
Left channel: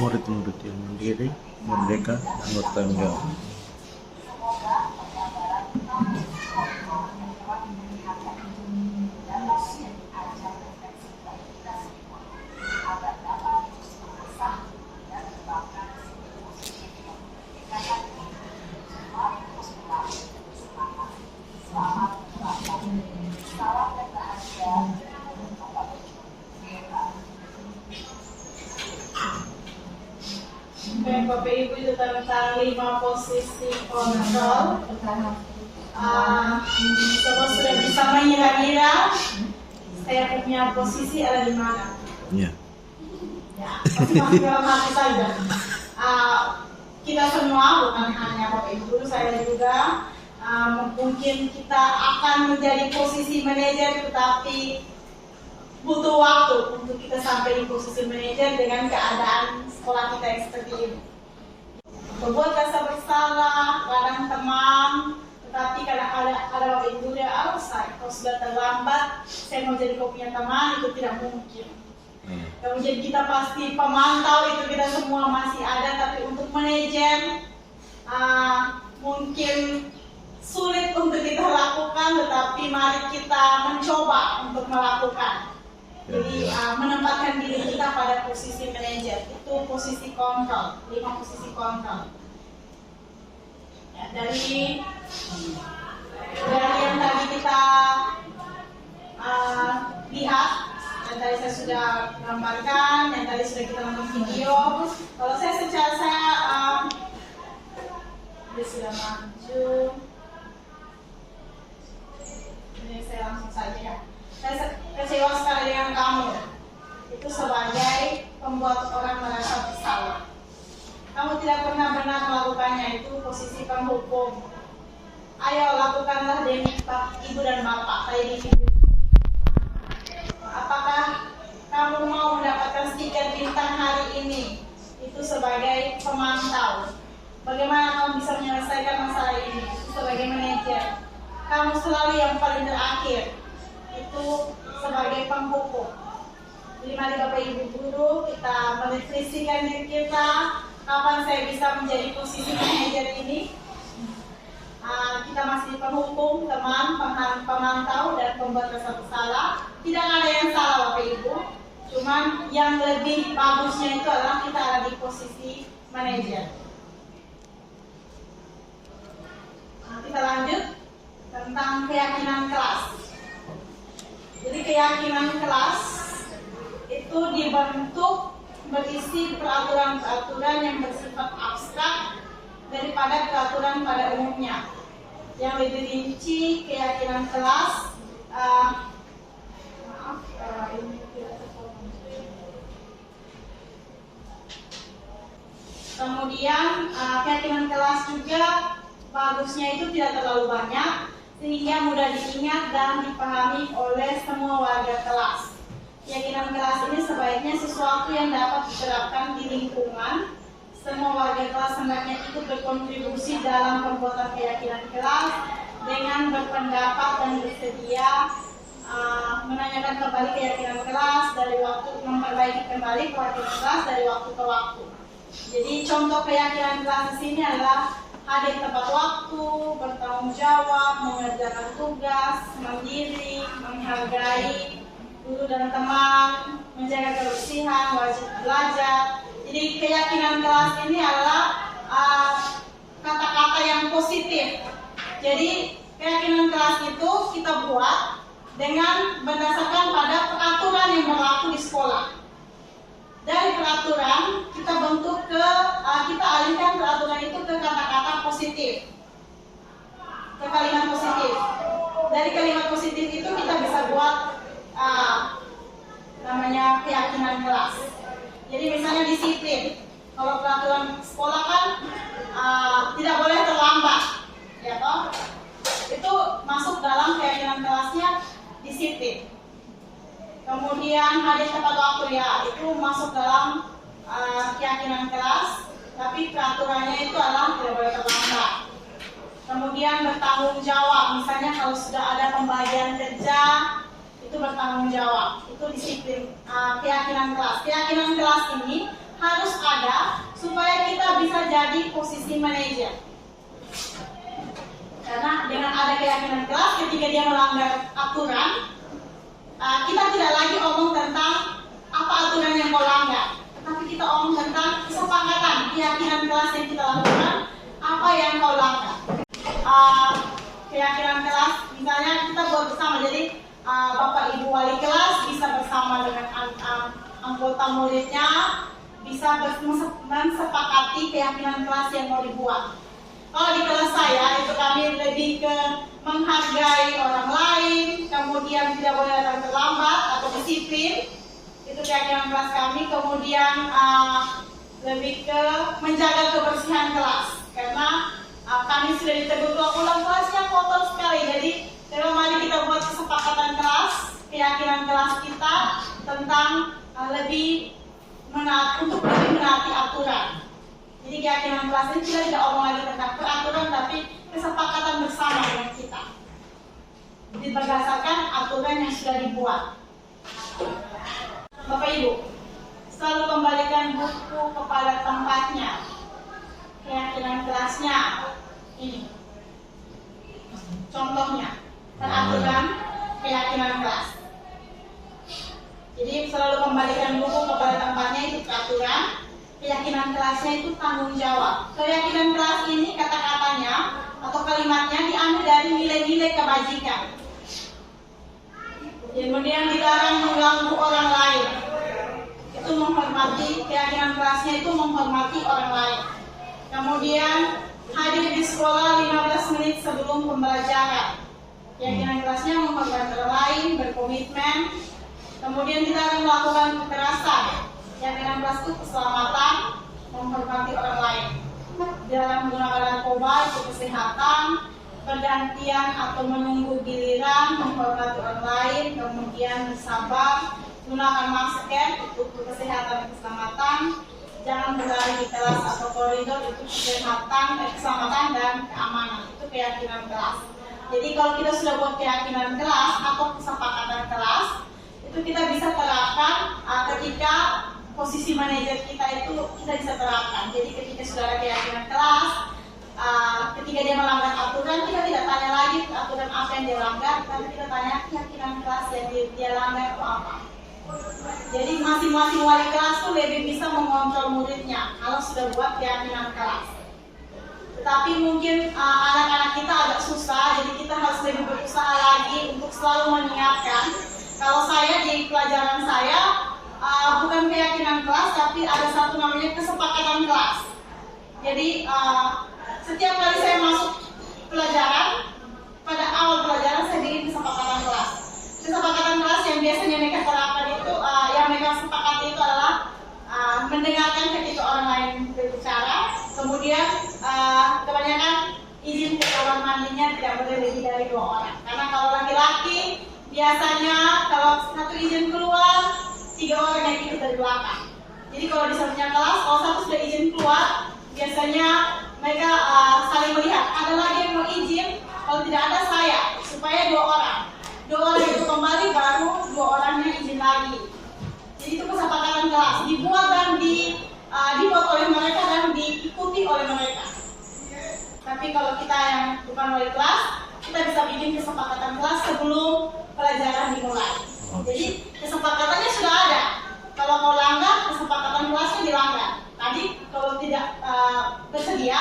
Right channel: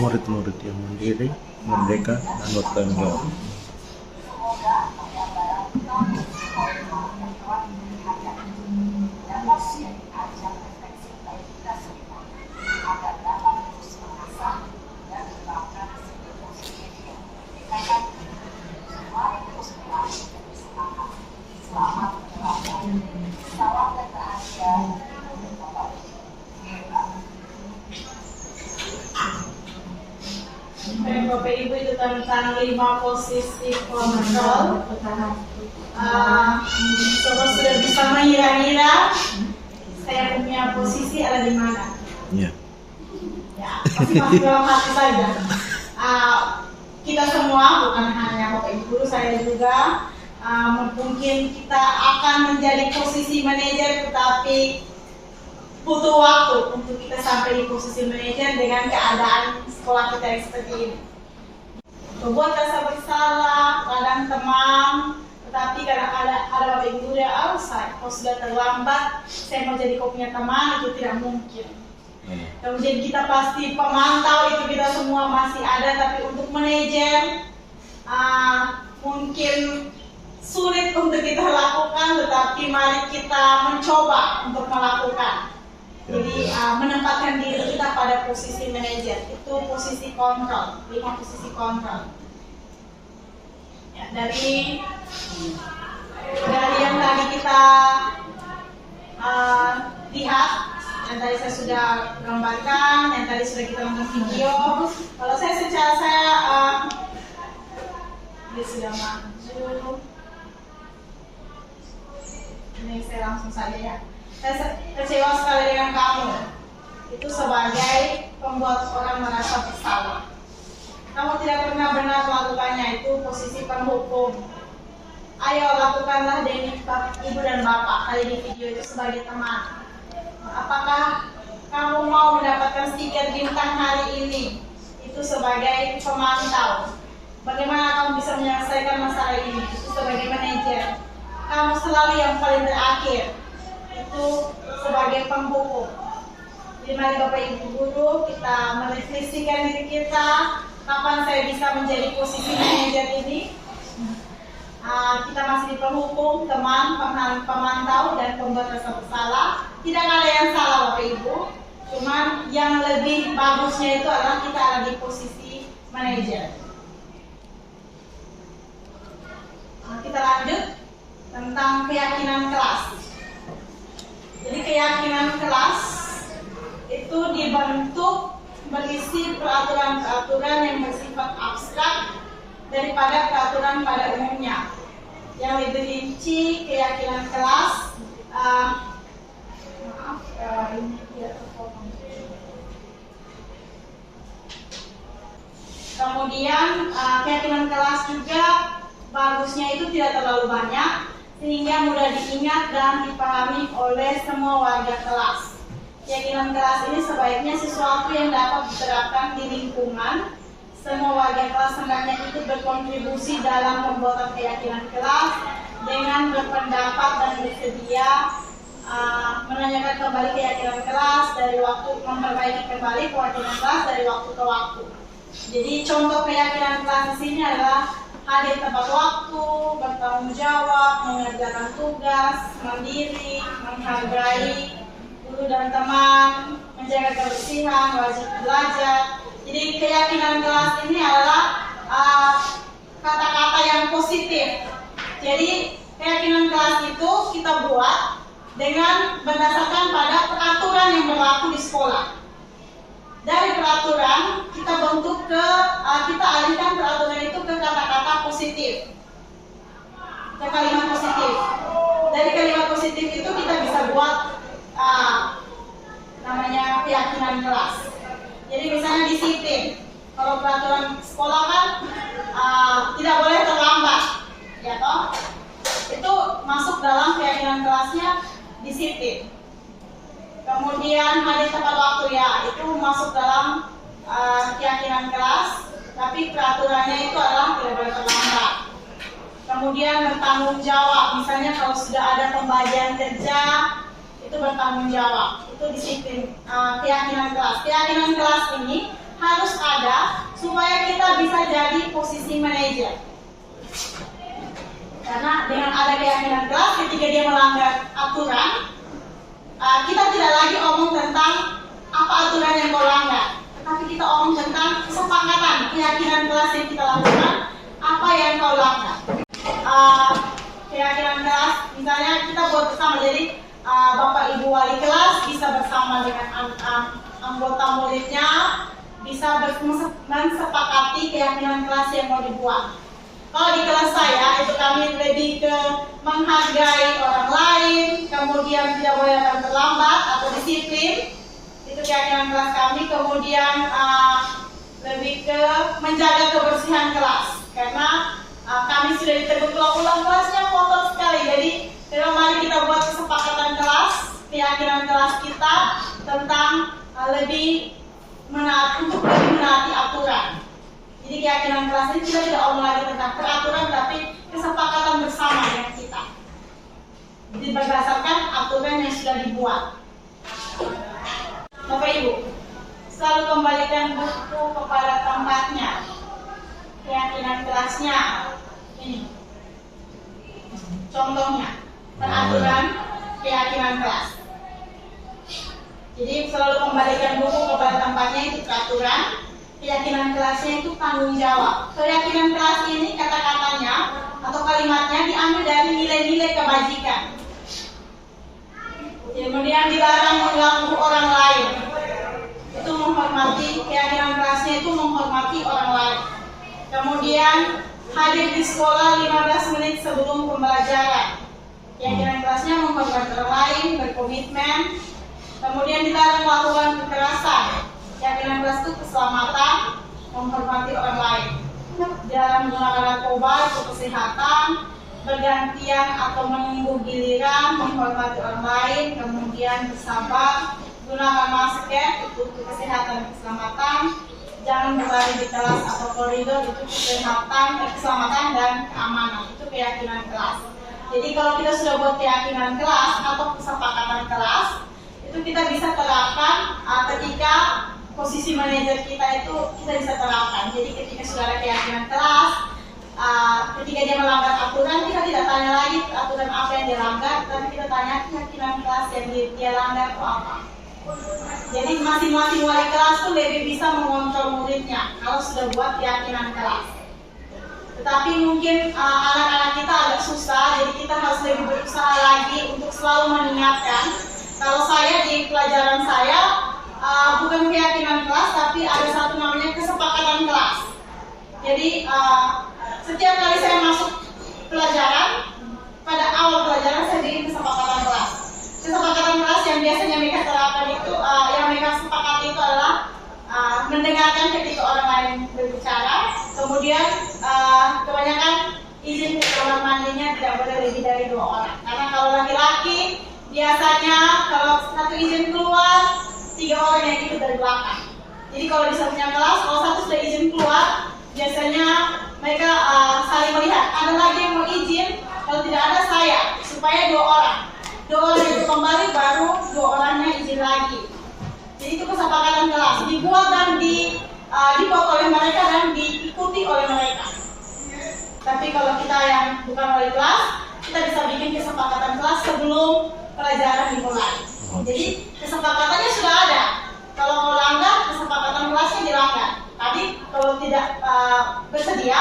Murid-murid yang mandiri, merdeka, dan bertanggung jawab. Baik Bapak Ibu, itu tentang 5 posisi kontrol. Saudara sudah bisa mengira-ngira saya punya posisi ada di mana? Ya. Ya, pasti masih dalam hati saja. Kita semua, bukan hanya Bapak Ibu guru, saya juga mungkin kita akan menjadi posisi manajer, tetapi butuh waktu untuk kita sampai di posisi manajer dengan keadaan sekolah kita yang seperti ini. Membuat rasa bersalah, kadang teman, tetapi kadang ada Bapak Ibu guru yang outside. Kalau sudah terlambat, saya mau jadi kau punya teman, itu tidak mungkin. Kemudian kita pasti pemantau, itu kita semua masih ada, tapi untuk manajer mungkin sulit untuk kita lakukan, tetapi mari kita mencoba untuk melakukan. Jadi menempatkan diri kita pada posisi manajer, itu posisi kontrol, 5 posisi kontrol. Ya, dari yang tadi kita lihat, yang tadi saya sudah gambarkan, yang tadi sudah kita nonton video. Kalau saya dia sudah maju. Ini saya langsung saja ya. Saya kecewa sekali dengan kamu. Itu sebagai pembuat orang merasa bersalah. Kamu tidak pernah benar melakukannya, itu posisi penghukum. Ayo lakukanlah demi ibu dan bapak, kayak di video itu sebagai teman. Apakah kamu mau mendapatkan stiker bintang hari ini? Itu sebagai pemantau. bagaimana kamu bisa menyelesaikan masalah ini sebagai manajer. Kamu selalu yang paling terakhir, itu sebagai penghukum. Jadi mari Bapak Ibu Guru, kita merefleksikan diri kita, kapan saya bisa menjadi posisi manajer ini. Kita masih di penghukum, teman, pemantau, dan pembuat rasa bersalah. Tidak ada yang salah Bapak Ibu, cuman yang lebih bagusnya itu adalah kita ada di posisi manajer. Kita lanjut tentang keyakinan kelas. Jadi keyakinan kelas itu dibentuk berisi peraturan-peraturan yang bersifat abstrak daripada peraturan pada umumnya. Yang lebih rinci keyakinan kelas, kemudian keyakinan kelas juga bagusnya itu tidak terlalu banyak sehingga mudah diingat dan dipahami oleh semua warga kelas. Keyakinan kelas ini sebaiknya sesuatu yang dapat diterapkan di lingkungan. Semua warga kelas hendaknya ikut berkontribusi dalam pembuatan keyakinan kelas dengan berpendapat dan bersedia menanyakan kembali keyakinan kelas dari waktu, memperbaiki kembali keyakinan kelas dari waktu ke waktu. Jadi contoh keyakinan kelas di sini adalah hadir tepat waktu, bertanggung jawab, mengerjakan tugas, mandiri, menghargai guru dan teman, menjaga kebersihan, wajib belajar. Jadi keyakinan kelas ini adalah kata-kata yang positif. Jadi keyakinan kelas itu kita buat dengan berdasarkan pada peraturan yang berlaku di sekolah. Dari peraturan kita bentuk kita alihkan peraturan itu ke kata-kata positif, ke kalimat positif. Dari kalimat positif itu kita bisa buat namanya keyakinan kelas. Jadi misalnya disiplin. Kalau peraturan sekolah kan tidak boleh terlambat, ya toh? Itu masuk dalam keyakinan kelasnya disiplin. Kemudian hadir tepat waktu, ya itu masuk dalam keyakinan kelas, tapi peraturannya itu adalah tidak boleh terlambat. Kemudian bertanggung jawab, misalnya kalau sudah ada pembagian kerja itu bertanggung jawab, itu disiplin. Keyakinan kelas. Keyakinan kelas ini harus ada supaya kita bisa jadi posisi manajer. Karena dengan ada keyakinan kelas, ketika dia melanggar aturan, kita tidak lagi omong tentang apa aturan yang kau langgar, tetapi kita omong tentang kesepakatan keyakinan kelas yang kita lakukan, apa yang kau langgar. Keyakinan kelas, misalnya kita buat bersama, jadi Bapak Ibu wali kelas bisa bersama dengan anggota muridnya, bisa mensepakati keyakinan kelas yang mau dibuat. Kalau di kelas saya itu kami lebih ke menghargai orang lain, kemudian tidak boleh datang terlambat atau disiplin, itu keyakinan kelas kami. Kemudian lebih ke menjaga kebersihan kelas, karena kami sudah ditegur ulang kelasnya kotor sekali. Jadi mari kita buat kesepakatan kelas, keyakinan kelas kita tentang lebih untuk lebih menaati aturan. Jadi keyakinan kelas ini kita tidak omong lagi tentang peraturan, tapi kesepakatan bersama dengan kita. Jadi berdasarkan aturan yang sudah dibuat. Bapak Ibu, selalu kembalikan buku kepada tempatnya. Keyakinan kelasnya ini. Contohnya, peraturan keyakinan kelas. Jadi selalu kembalikan buku kepada tempatnya, itu peraturan. Keyakinan kelasnya itu tanggung jawab. Keyakinan kelas ini kata-katanya atau kalimatnya diambil dari nilai-nilai kebajikan. Kemudian dilarang mengganggu orang lain. Itu menghormati, keyakinan kelasnya itu menghormati orang lain. Kemudian hadir di sekolah 15 menit sebelum pembelajaran. Keyakinan kelasnya menghormati orang lain, berkomitmen. Kemudian dilarang melakukan kekerasan. Keyakinan kelas itu keselamatan, menghormati orang lain. Dilarang menggunakan narkoba, itu kesehatan. Bergantian atau menunggu giliran, menghormati orang lain. Kemudian bersabar, gunakan masker, itu kesehatan dan keselamatan. jangan berlari di kelas atau koridor, itu keselamatan dan keamanan, itu keyakinan kelas. Jadi kalau kita sudah buat keyakinan kelas atau kesepakatan kelas, itu kita bisa terapkan ketika posisi manajer kita itu kita bisa terapkan. Jadi ketika sudah ada keyakinan kelas, ketika dia melanggar aturan, kita tidak tanya lagi aturan apa yang dia langgar, tapi kita tanya keyakinan kelas yang dia langgar itu apa. Jadi masing-masing wali kelas tuh lebih bisa mengontrol muridnya kalau sudah buat keyakinan kelas. Tetapi mungkin anak-anak kita agak susah, jadi kita harus lebih berusaha lagi untuk selalu mengingatkan. Kalau saya di pelajaran saya bukan keyakinan kelas, tapi ada satu namanya kesepakatan kelas. Jadi setiap kali saya masuk pelajaran, pada awal pelajaran saya bikin kesepakatan kelas. Kesepakatan kelas yang biasanya mereka terapkan itu, yang mereka sepakati itu adalah mendengarkan ketika orang lain berbicara, kemudian kebanyakan izin ke kamar mandinya tidak boleh lebih dari 2 orang. Karena kalau laki-laki biasanya kalau satu izin keluar, 3 orang yang ikut dari belakang. Jadi kalau di satunya kelas, kalau satu sudah izin keluar, biasanya mereka saling melihat. Ada lagi yang mau izin, kalau tidak ada saya, supaya 2 orang. 2 orang itu kembali, baru 2 orangnya izin lagi. Jadi itu kesepakatan kelas, dibuat dan dibuat oleh mereka dan diikuti oleh mereka. Tapi kalau kita yang bukan wali kelas, kita bisa bikin kesepakatan kelas sebelum pelajaran dimulai. Jadi kesepakatannya sudah ada. Kalau mau langgar, kesepakatan kelasnya dilanggar. Tadi kalau tidak bersedia,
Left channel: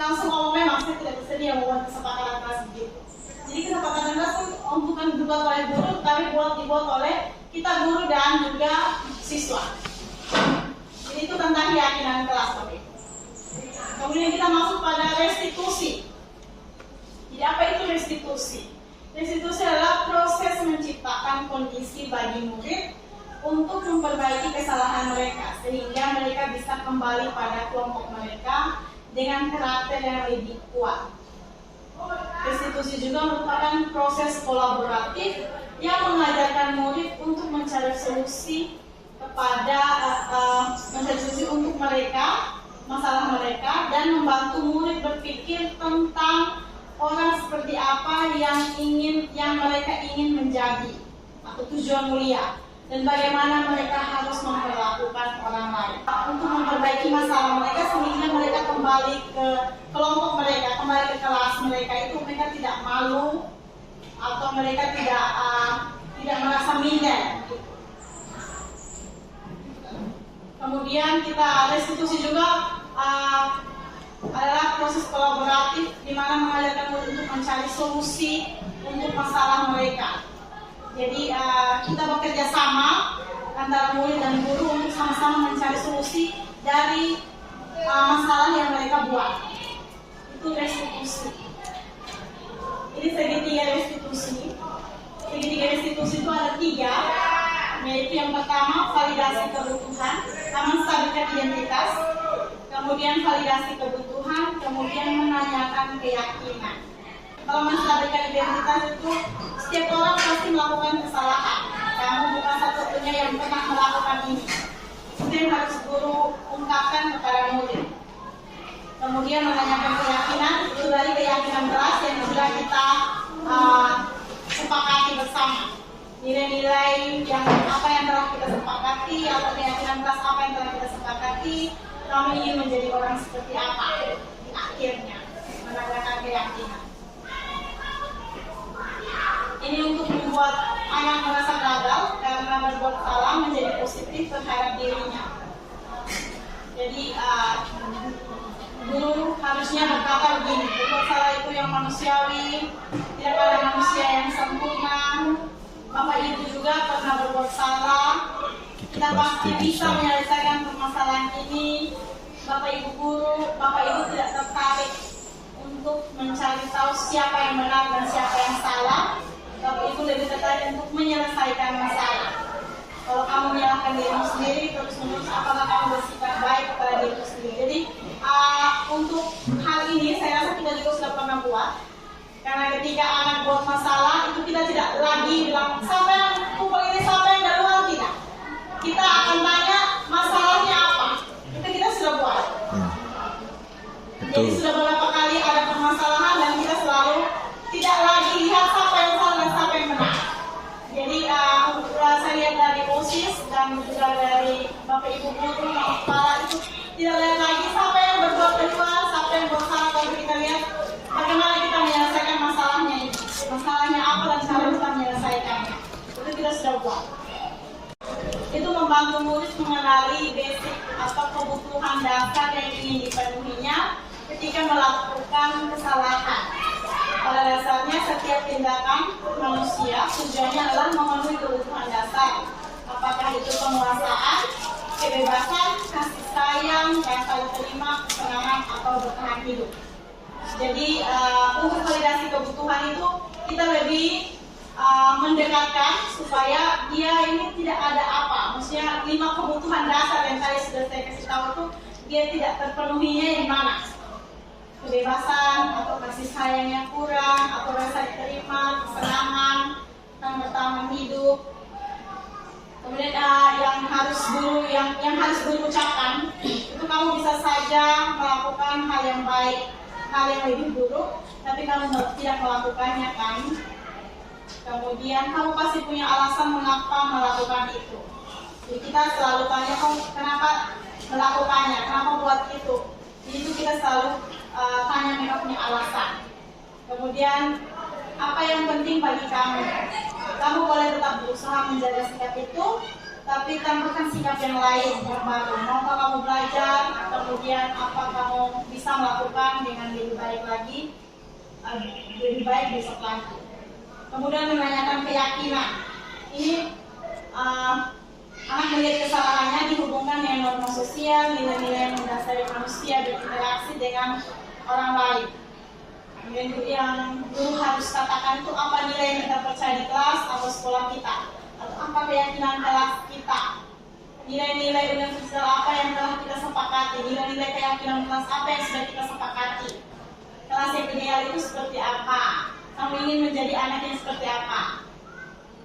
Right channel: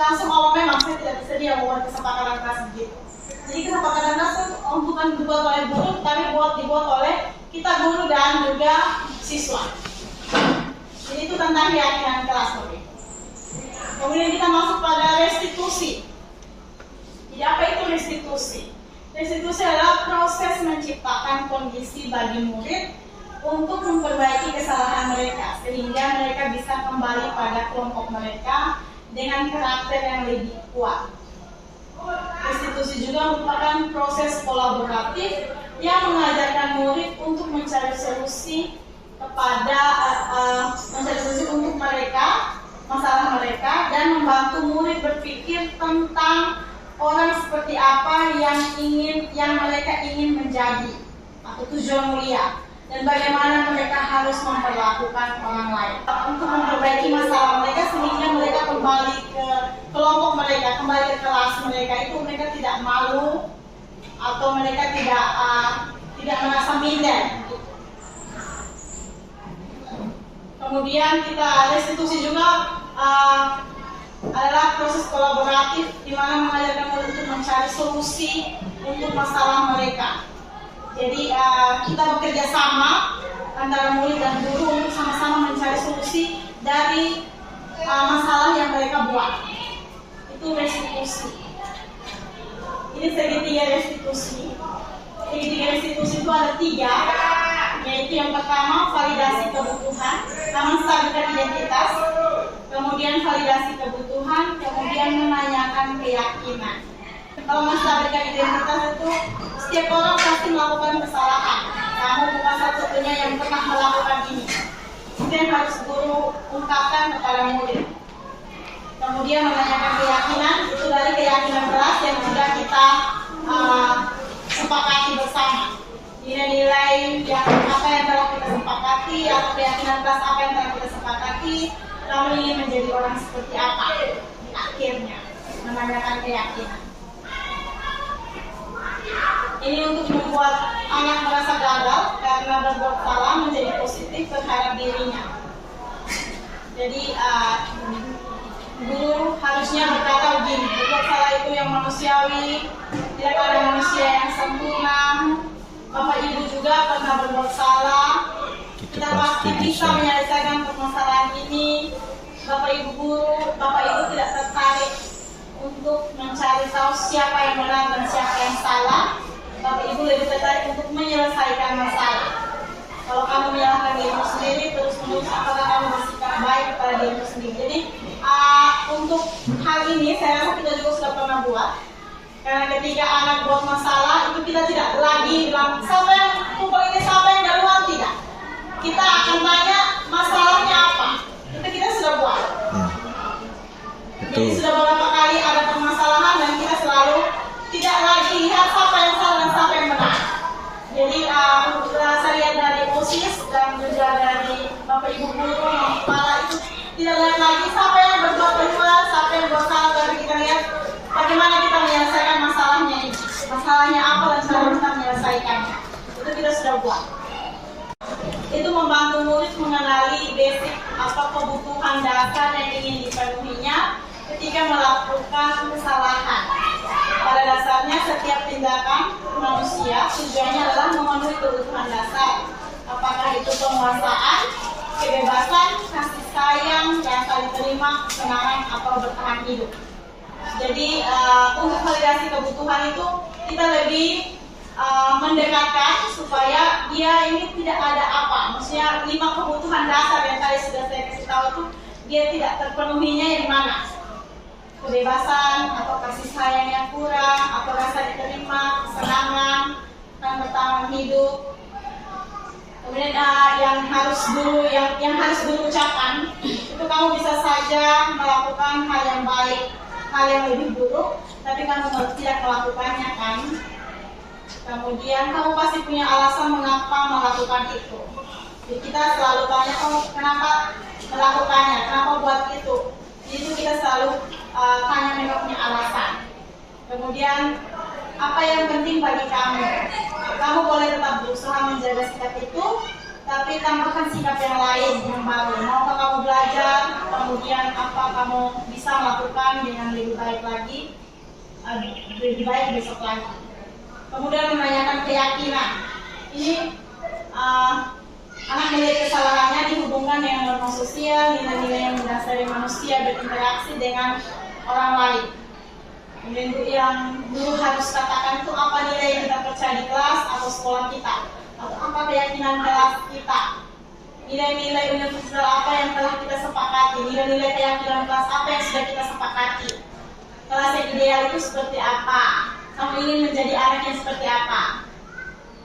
langsung ngomong memang saya tidak bersedia membuat kesepakatan kelas begitu. Jadi kesepakatan kelas bukan dibuat oleh guru, tapi dibuat oleh kita guru dan juga siswa. Jadi itu tentang keyakinan kelas. Kemudian kita masuk pada restitusi. Jadi apa itu restitusi? Restitusi adalah proses menciptakan kondisi bagi murid untuk memperbaiki kesalahan mereka sehingga mereka bisa kembali pada kelompok mereka dengan karakter yang lebih kuat. Restitusi juga merupakan proses kolaboratif yang mengajarkan murid untuk mencari solusi untuk mereka, masalah mereka, dan membantu murid berpikir tentang orang seperti apa yang mereka ingin menjadi atau tujuan mulia, dan bagaimana mereka harus memperlakukan orang lain untuk memperbaiki masalah mereka sehingga mereka kembali ke kelompok mereka, kembali ke kelas mereka, itu mereka tidak malu atau mereka tidak merasa minder. Kemudian kita restitusi juga adalah proses kolaboratif di mana mengajarkan murid untuk mencari solusi untuk masalah mereka. Jadi kita bekerja sama antara murid dan guru untuk sama-sama mencari solusi dari masalah yang mereka buat. Itu restitusi. Ini segitiga restitusi. Segitiga restitusi itu ada 3, yaitu yang pertama validasi kebutuhan, menstabilkan identitas, kemudian validasi kebutuhan, kemudian menanyakan keyakinan. Kalau menstabilkan identitas itu setiap orang pasti melakukan kesalahan. Kamu bukan satu-satunya yang pernah melakukan ini. Itu yang harus guru ungkapkan kepada murid. Kemudian menanyakan keyakinan, itu dari keyakinan kelas yang sudah kita sepakati bersama. Nilai-nilai yang apa yang telah kita sepakati atau keyakinan kelas apa yang telah kita sepakati, kamu ingin menjadi orang seperti apa di akhirnya, menanyakan keyakinan. Ini untuk membuat anak merasa gagal karena berbuat salah menjadi positif terhadap dirinya. Jadi guru harusnya berkata begini, berbuat salah itu yang manusiawi, tidak ada manusia yang sempurna. Bapak Ibu juga pernah berbuat salah. Kita pasti bisa menyelesaikan permasalahan ini. Bapak Ibu guru, Bapak Ibu tidak tertarik untuk mencari tahu siapa yang benar dan siapa yang salah. Bapak Ibu lebih tertarik untuk menyelesaikan masalah. Kalau kamu menyalahkan dirimu sendiri, terus-menerus apakah kamu bersikap baik kepada dirimu sendiri? Jadi untuk hal ini saya rasa kita juga sudah pernah buat. Karena ketika anak buat masalah, itu kita tidak lagi bilang siapa yang kumpul ini, siapa yang duluan, tidak. Kita akan tanya masalahnya apa. Kita Betul. sudah beberapa kali ada permasalahan dan kita selalu tidak lagi lihat siapa yang salah dan siapa yang benar. Jadi saya lihat dari OSIS dan juga dari Bapak Ibu guru, kepala itu tidak lihat lagi siapa yang berbuat benar, siapa yang berbuat salah, tapi kita lihat bagaimana kita menyelesaikan masalahnya ini. Masalahnya apa dan cara kita menyelesaikannya. Itu kita sudah buat. Itu membantu murid mengenali basic apa kebutuhan dasar yang ingin dipenuhinya ketika melakukan kesalahan. Pada dasarnya setiap tindakan manusia tujuannya adalah memenuhi kebutuhan dasar. Apakah itu penguasaan, kebebasan, kasih sayang, yang saling terima, kesenangan, atau bertahan hidup. Jadi untuk validasi kebutuhan itu kita lebih mendekatkan supaya dia ini tidak ada apa. Maksudnya 5 kebutuhan dasar yang tadi sudah saya kasih tahu itu dia tidak terpenuhinya di mana. Kebebasan atau kasih sayang yang kurang, atau rasa diterima, kesenangan, dan bertahan hidup. Kemudian yang harus guru ucapkan itu kamu bisa saja melakukan hal yang baik, hal yang lebih buruk, tapi kamu tidak melakukannya kan. Kemudian kamu pasti punya alasan mengapa melakukan itu. Jadi kita selalu tanya, oh kenapa melakukannya, kenapa buat itu. Jadi itu kita selalu tanya mereka punya alasan. Kemudian apa yang penting bagi kamu? Kamu boleh tetap berusaha menjaga sikap itu, tapi tambahkan sikap yang lain yang baru. Maukah kamu belajar? Kemudian apa kamu bisa melakukan dengan lebih baik lagi, lebih baik besok lagi. Kemudian menanyakan keyakinan. Ini anak melihat kesalahannya dihubungkan dengan norma sosial, nilai-nilai yang mendasari manusia berinteraksi dengan orang lain. Kemudian yang dulu harus katakan itu apa nilai yang kita percaya di kelas atau sekolah kita, atau apa keyakinan kelas kita, nilai-nilai universal apa yang telah kita sepakati, nilai-nilai keyakinan kelas apa yang sudah kita sepakati. Kelas yang ideal itu seperti apa? Kamu ingin menjadi anak yang seperti apa?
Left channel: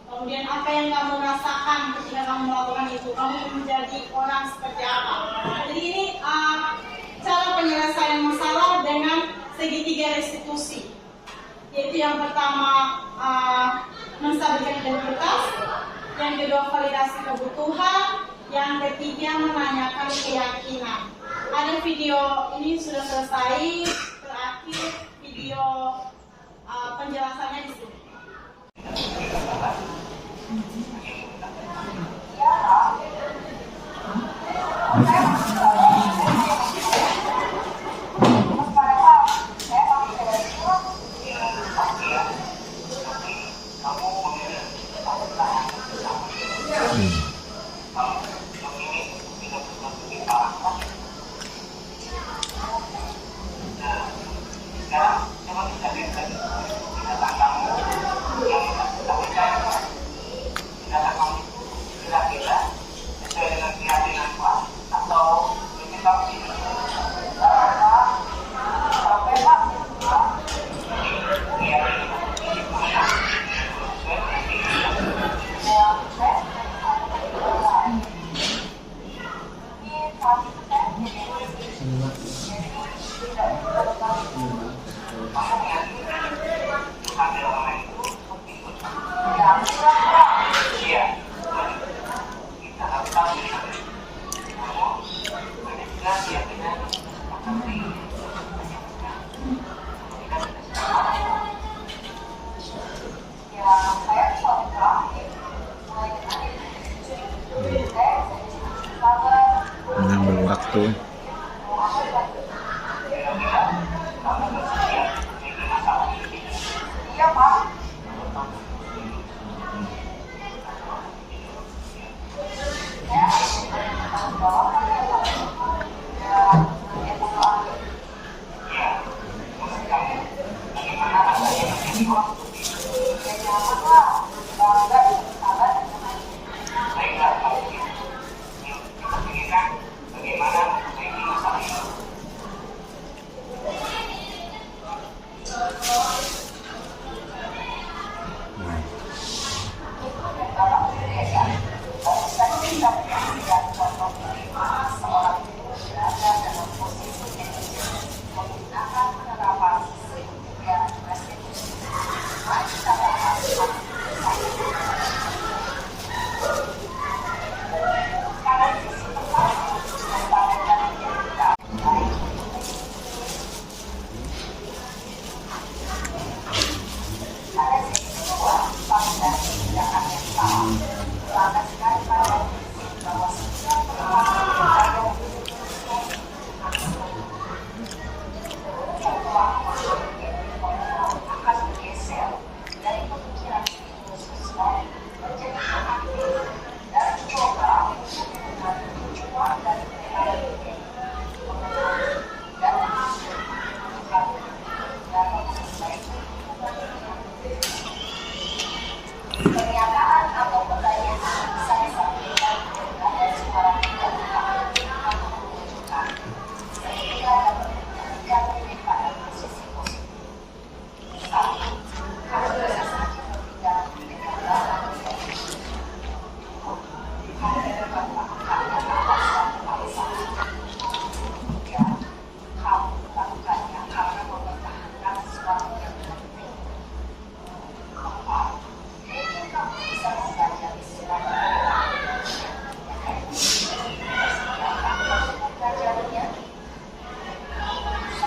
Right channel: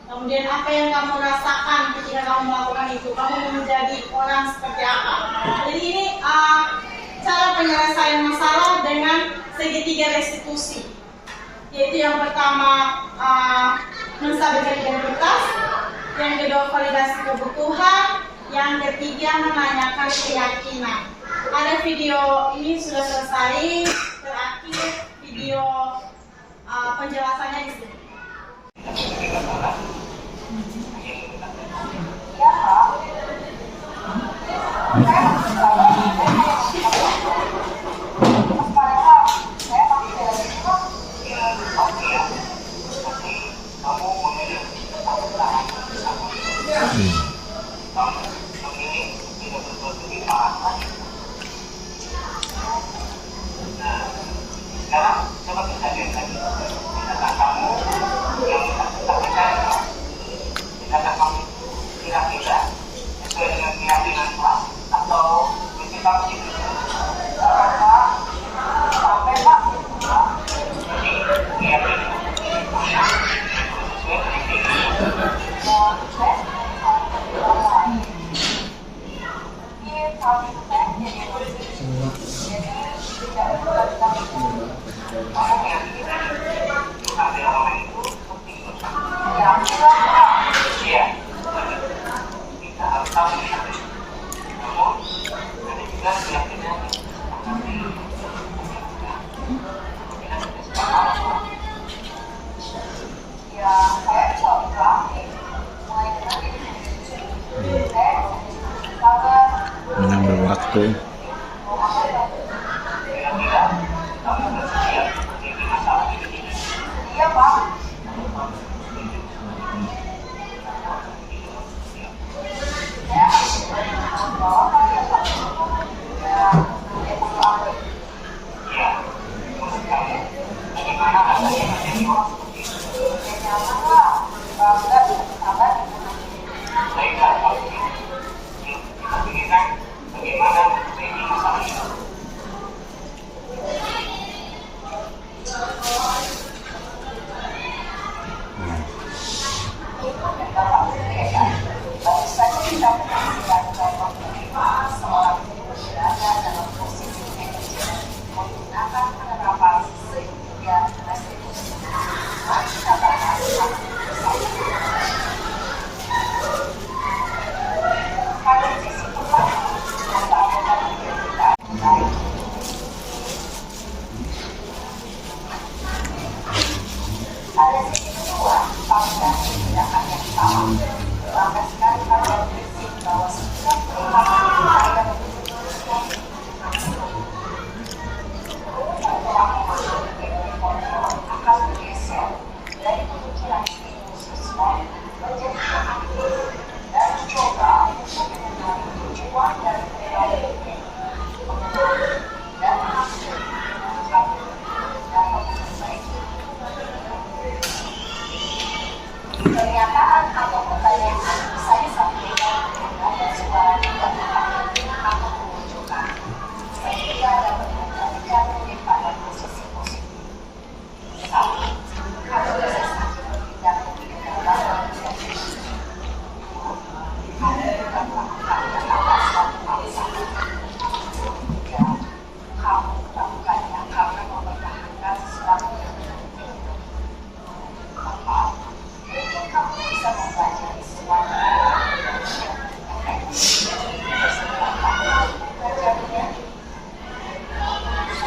Kemudian apa yang kamu rasakan ketika kamu melakukan itu? Kamu menjadi orang seperti apa? Jadi ini cara penyelesaian masalah dengan segitiga restitusi. Yaitu yang pertama menstabilkan identitas, yang kedua validasi kebutuhan, yang ketiga menanyakan keyakinan. Ada video ini sudah selesai, terakhir video penjelasannya di sini. Mengambil waktu.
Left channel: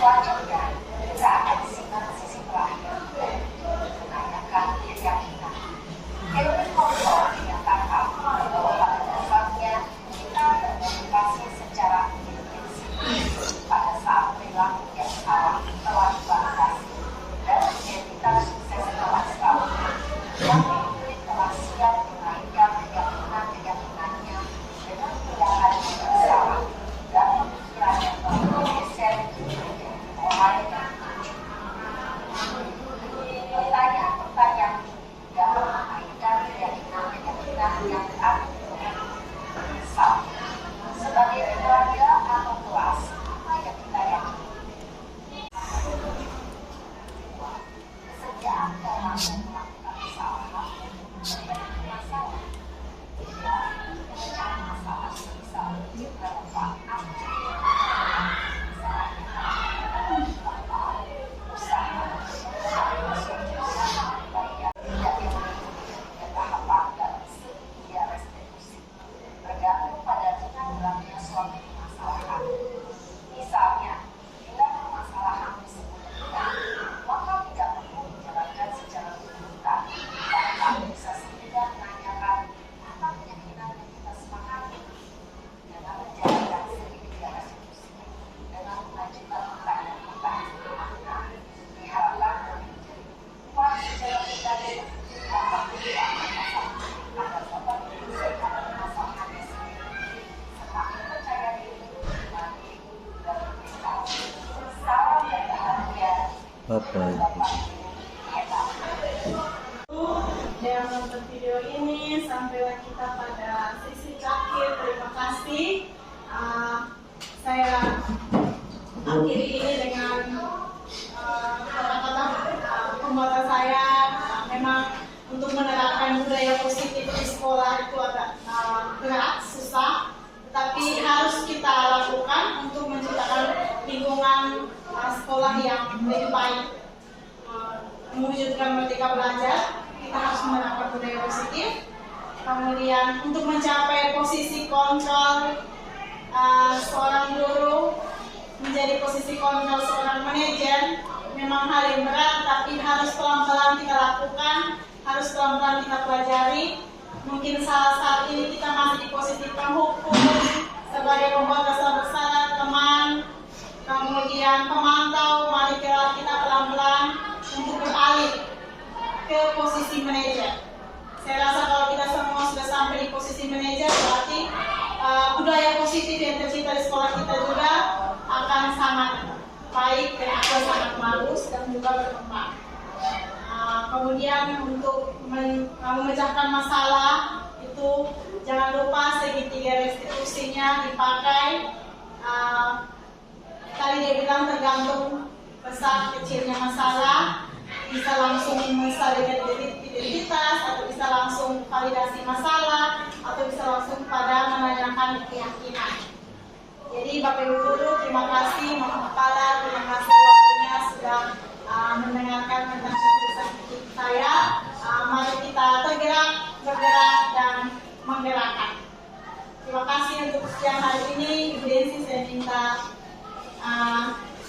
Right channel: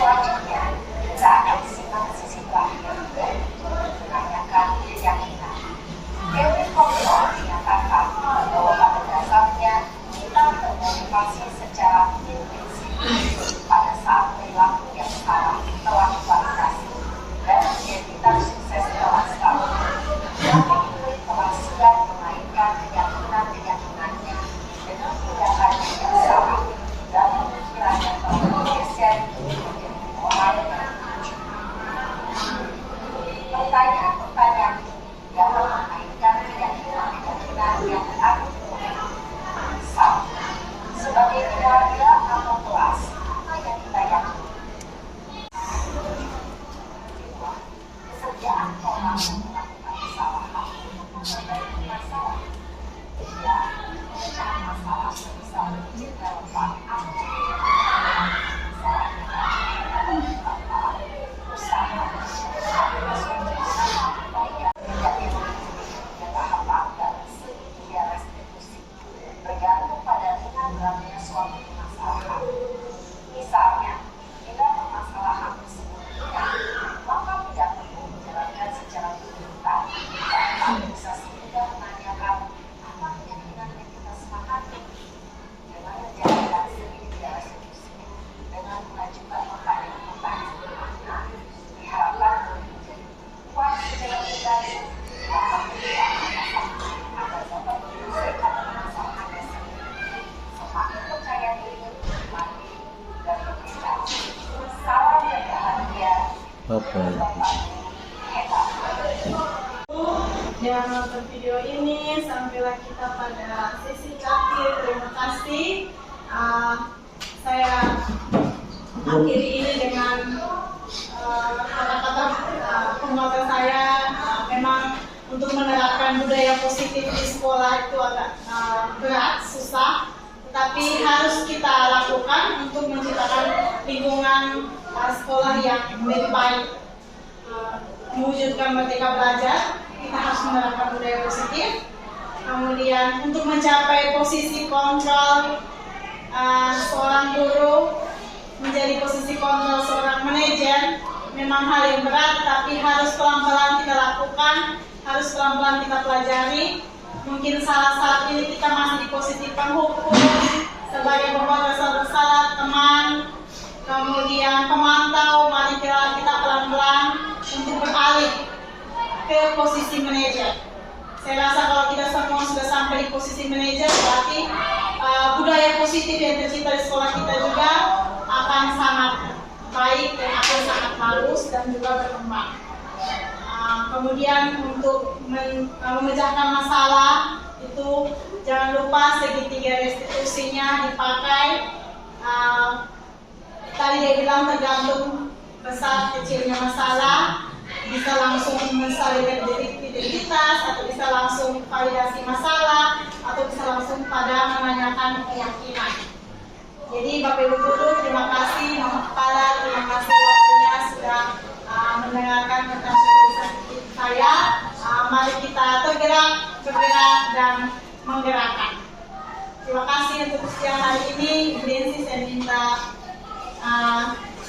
Selanjutnya, kita akan simak sesi terakhir dan menanyakan keyakinan. Teori kontrol menyatakan bahwa pada dasarnya kita termotivasi secara intensif pada saat perilaku yang salah telah divalidasi dan identitas sukses telah stabil. Maka murid telah siap mengaitkan keyakinan-keyakinannya dengan tindakannya yang salah dan pemikiran yang telah bergeser menjadi moral yang tujuh. Pertanyaan-pertanyaan dapat mengaitkan keyakinan-keyakinan yang ada. Misal, sebagai keluarga atau kelas, apa yang kita yakini? Kesediaan orang yang melakukan kesalahan untuk memperbaiki masalah. Ya, pemecahan masalah sebisa mungkin relevan bergantung pada ringan beratnya suatu permasalahan. Misalnya, bila permasalahan tersebut ringan, maka tidak perlu menjalankan secara berlebihan. Bahkan bisa sekedar menanyakan apa keyakinan yang kita sepakati. Dengan menjalankan segitiga resolusi, dengan mengajukan pertanyaan-pertanyaan bermakna, diharapkan menjadi kuat secara pribadi dapat menjawab masalah agar dapat menyelesaikan permasalahannya sendiri. Semakin percaya diri, mandiri, dan berbeda. Salam dan bahagia. Apa itu? Hebat. Yang nonton video ini, sampailah kita pada sesi terakhir. Terima kasih. Saya akhiri ini dengan kata-kata penguatan saya. Memang untuk menerapkan budaya positif di sekolah itu agak berat, susah, tetapi harus kita lakukan untuk menciptakan lingkungan sekolah yang lebih baik. Mewujudkan merdeka belajar, kita harus menerapkan budaya positif. Kemudian untuk mencapai posisi kontrol seorang guru, menjadi posisi kontrol seorang manajer, memang hal yang berat, tapi harus pelan-pelan kita lakukan, harus pelan-pelan kita pelajari. Mungkin saat ini kita masih di posisi penghukum, sebagai pembuat dasar bersalah, teman, kemudian pemantau. Mari kita pelan-pelan untuk beralih ke posisi manajer. Saya rasa kalau kita semua sudah sampai di posisi manajer, berarti budaya positif yang tercipta di sekolah kita juga akan sangat baik dan akan sangat bagus dan juga berkembang. Kemudian untuk memecahkan masalah itu jangan lupa segitiga restitusinya dipakai. Tadi dia bilang tergantung besar kecilnya masalah, bisa langsung mensalurkan identitas, atau bisa langsung validasi masalah, atau bisa langsung pada menanyakan keyakinan. Jadi Bapak Ibu Guru, terima kasih, Mama Kepala, terima kasih waktunya sudah mendengarkan tentang tulisan saya. Mari kita bergerak dan menggerakkan. Terima kasih untuk siang hari ini. Ibu Densi, saya minta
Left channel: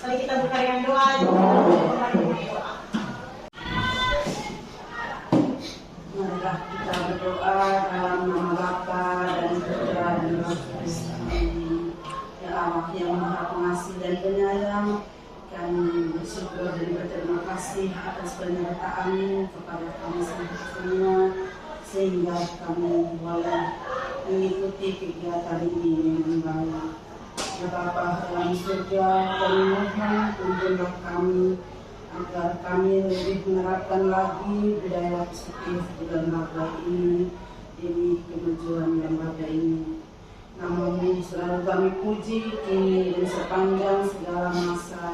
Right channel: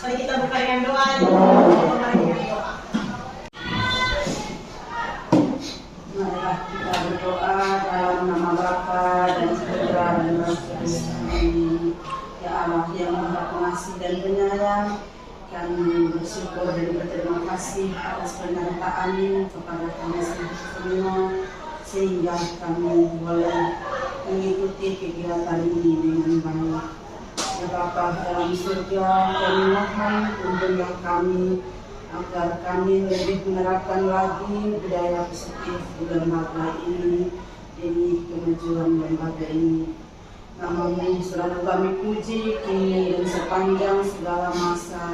mari kita buka dengan doa. Marilah kita berdoa dalam nama Bapa dan Putra dan Roh Kudus. Amin. Ya Allah yang Maha Pengasih dan Penyayang, kami bersyukur dan berterima kasih atas penyertaan-Mu kepada kami semua, sehingga kami boleh mengikuti kegiatan ini dengan baik. Ya Bapa dalam surga, kami mohon tuntunlah kami agar kami lebih menerapkan lagi budaya positif di lembaga ini demi kemajuan lembaga ini. Nama-Mu selalu kami puji kini dan sepanjang segala masa.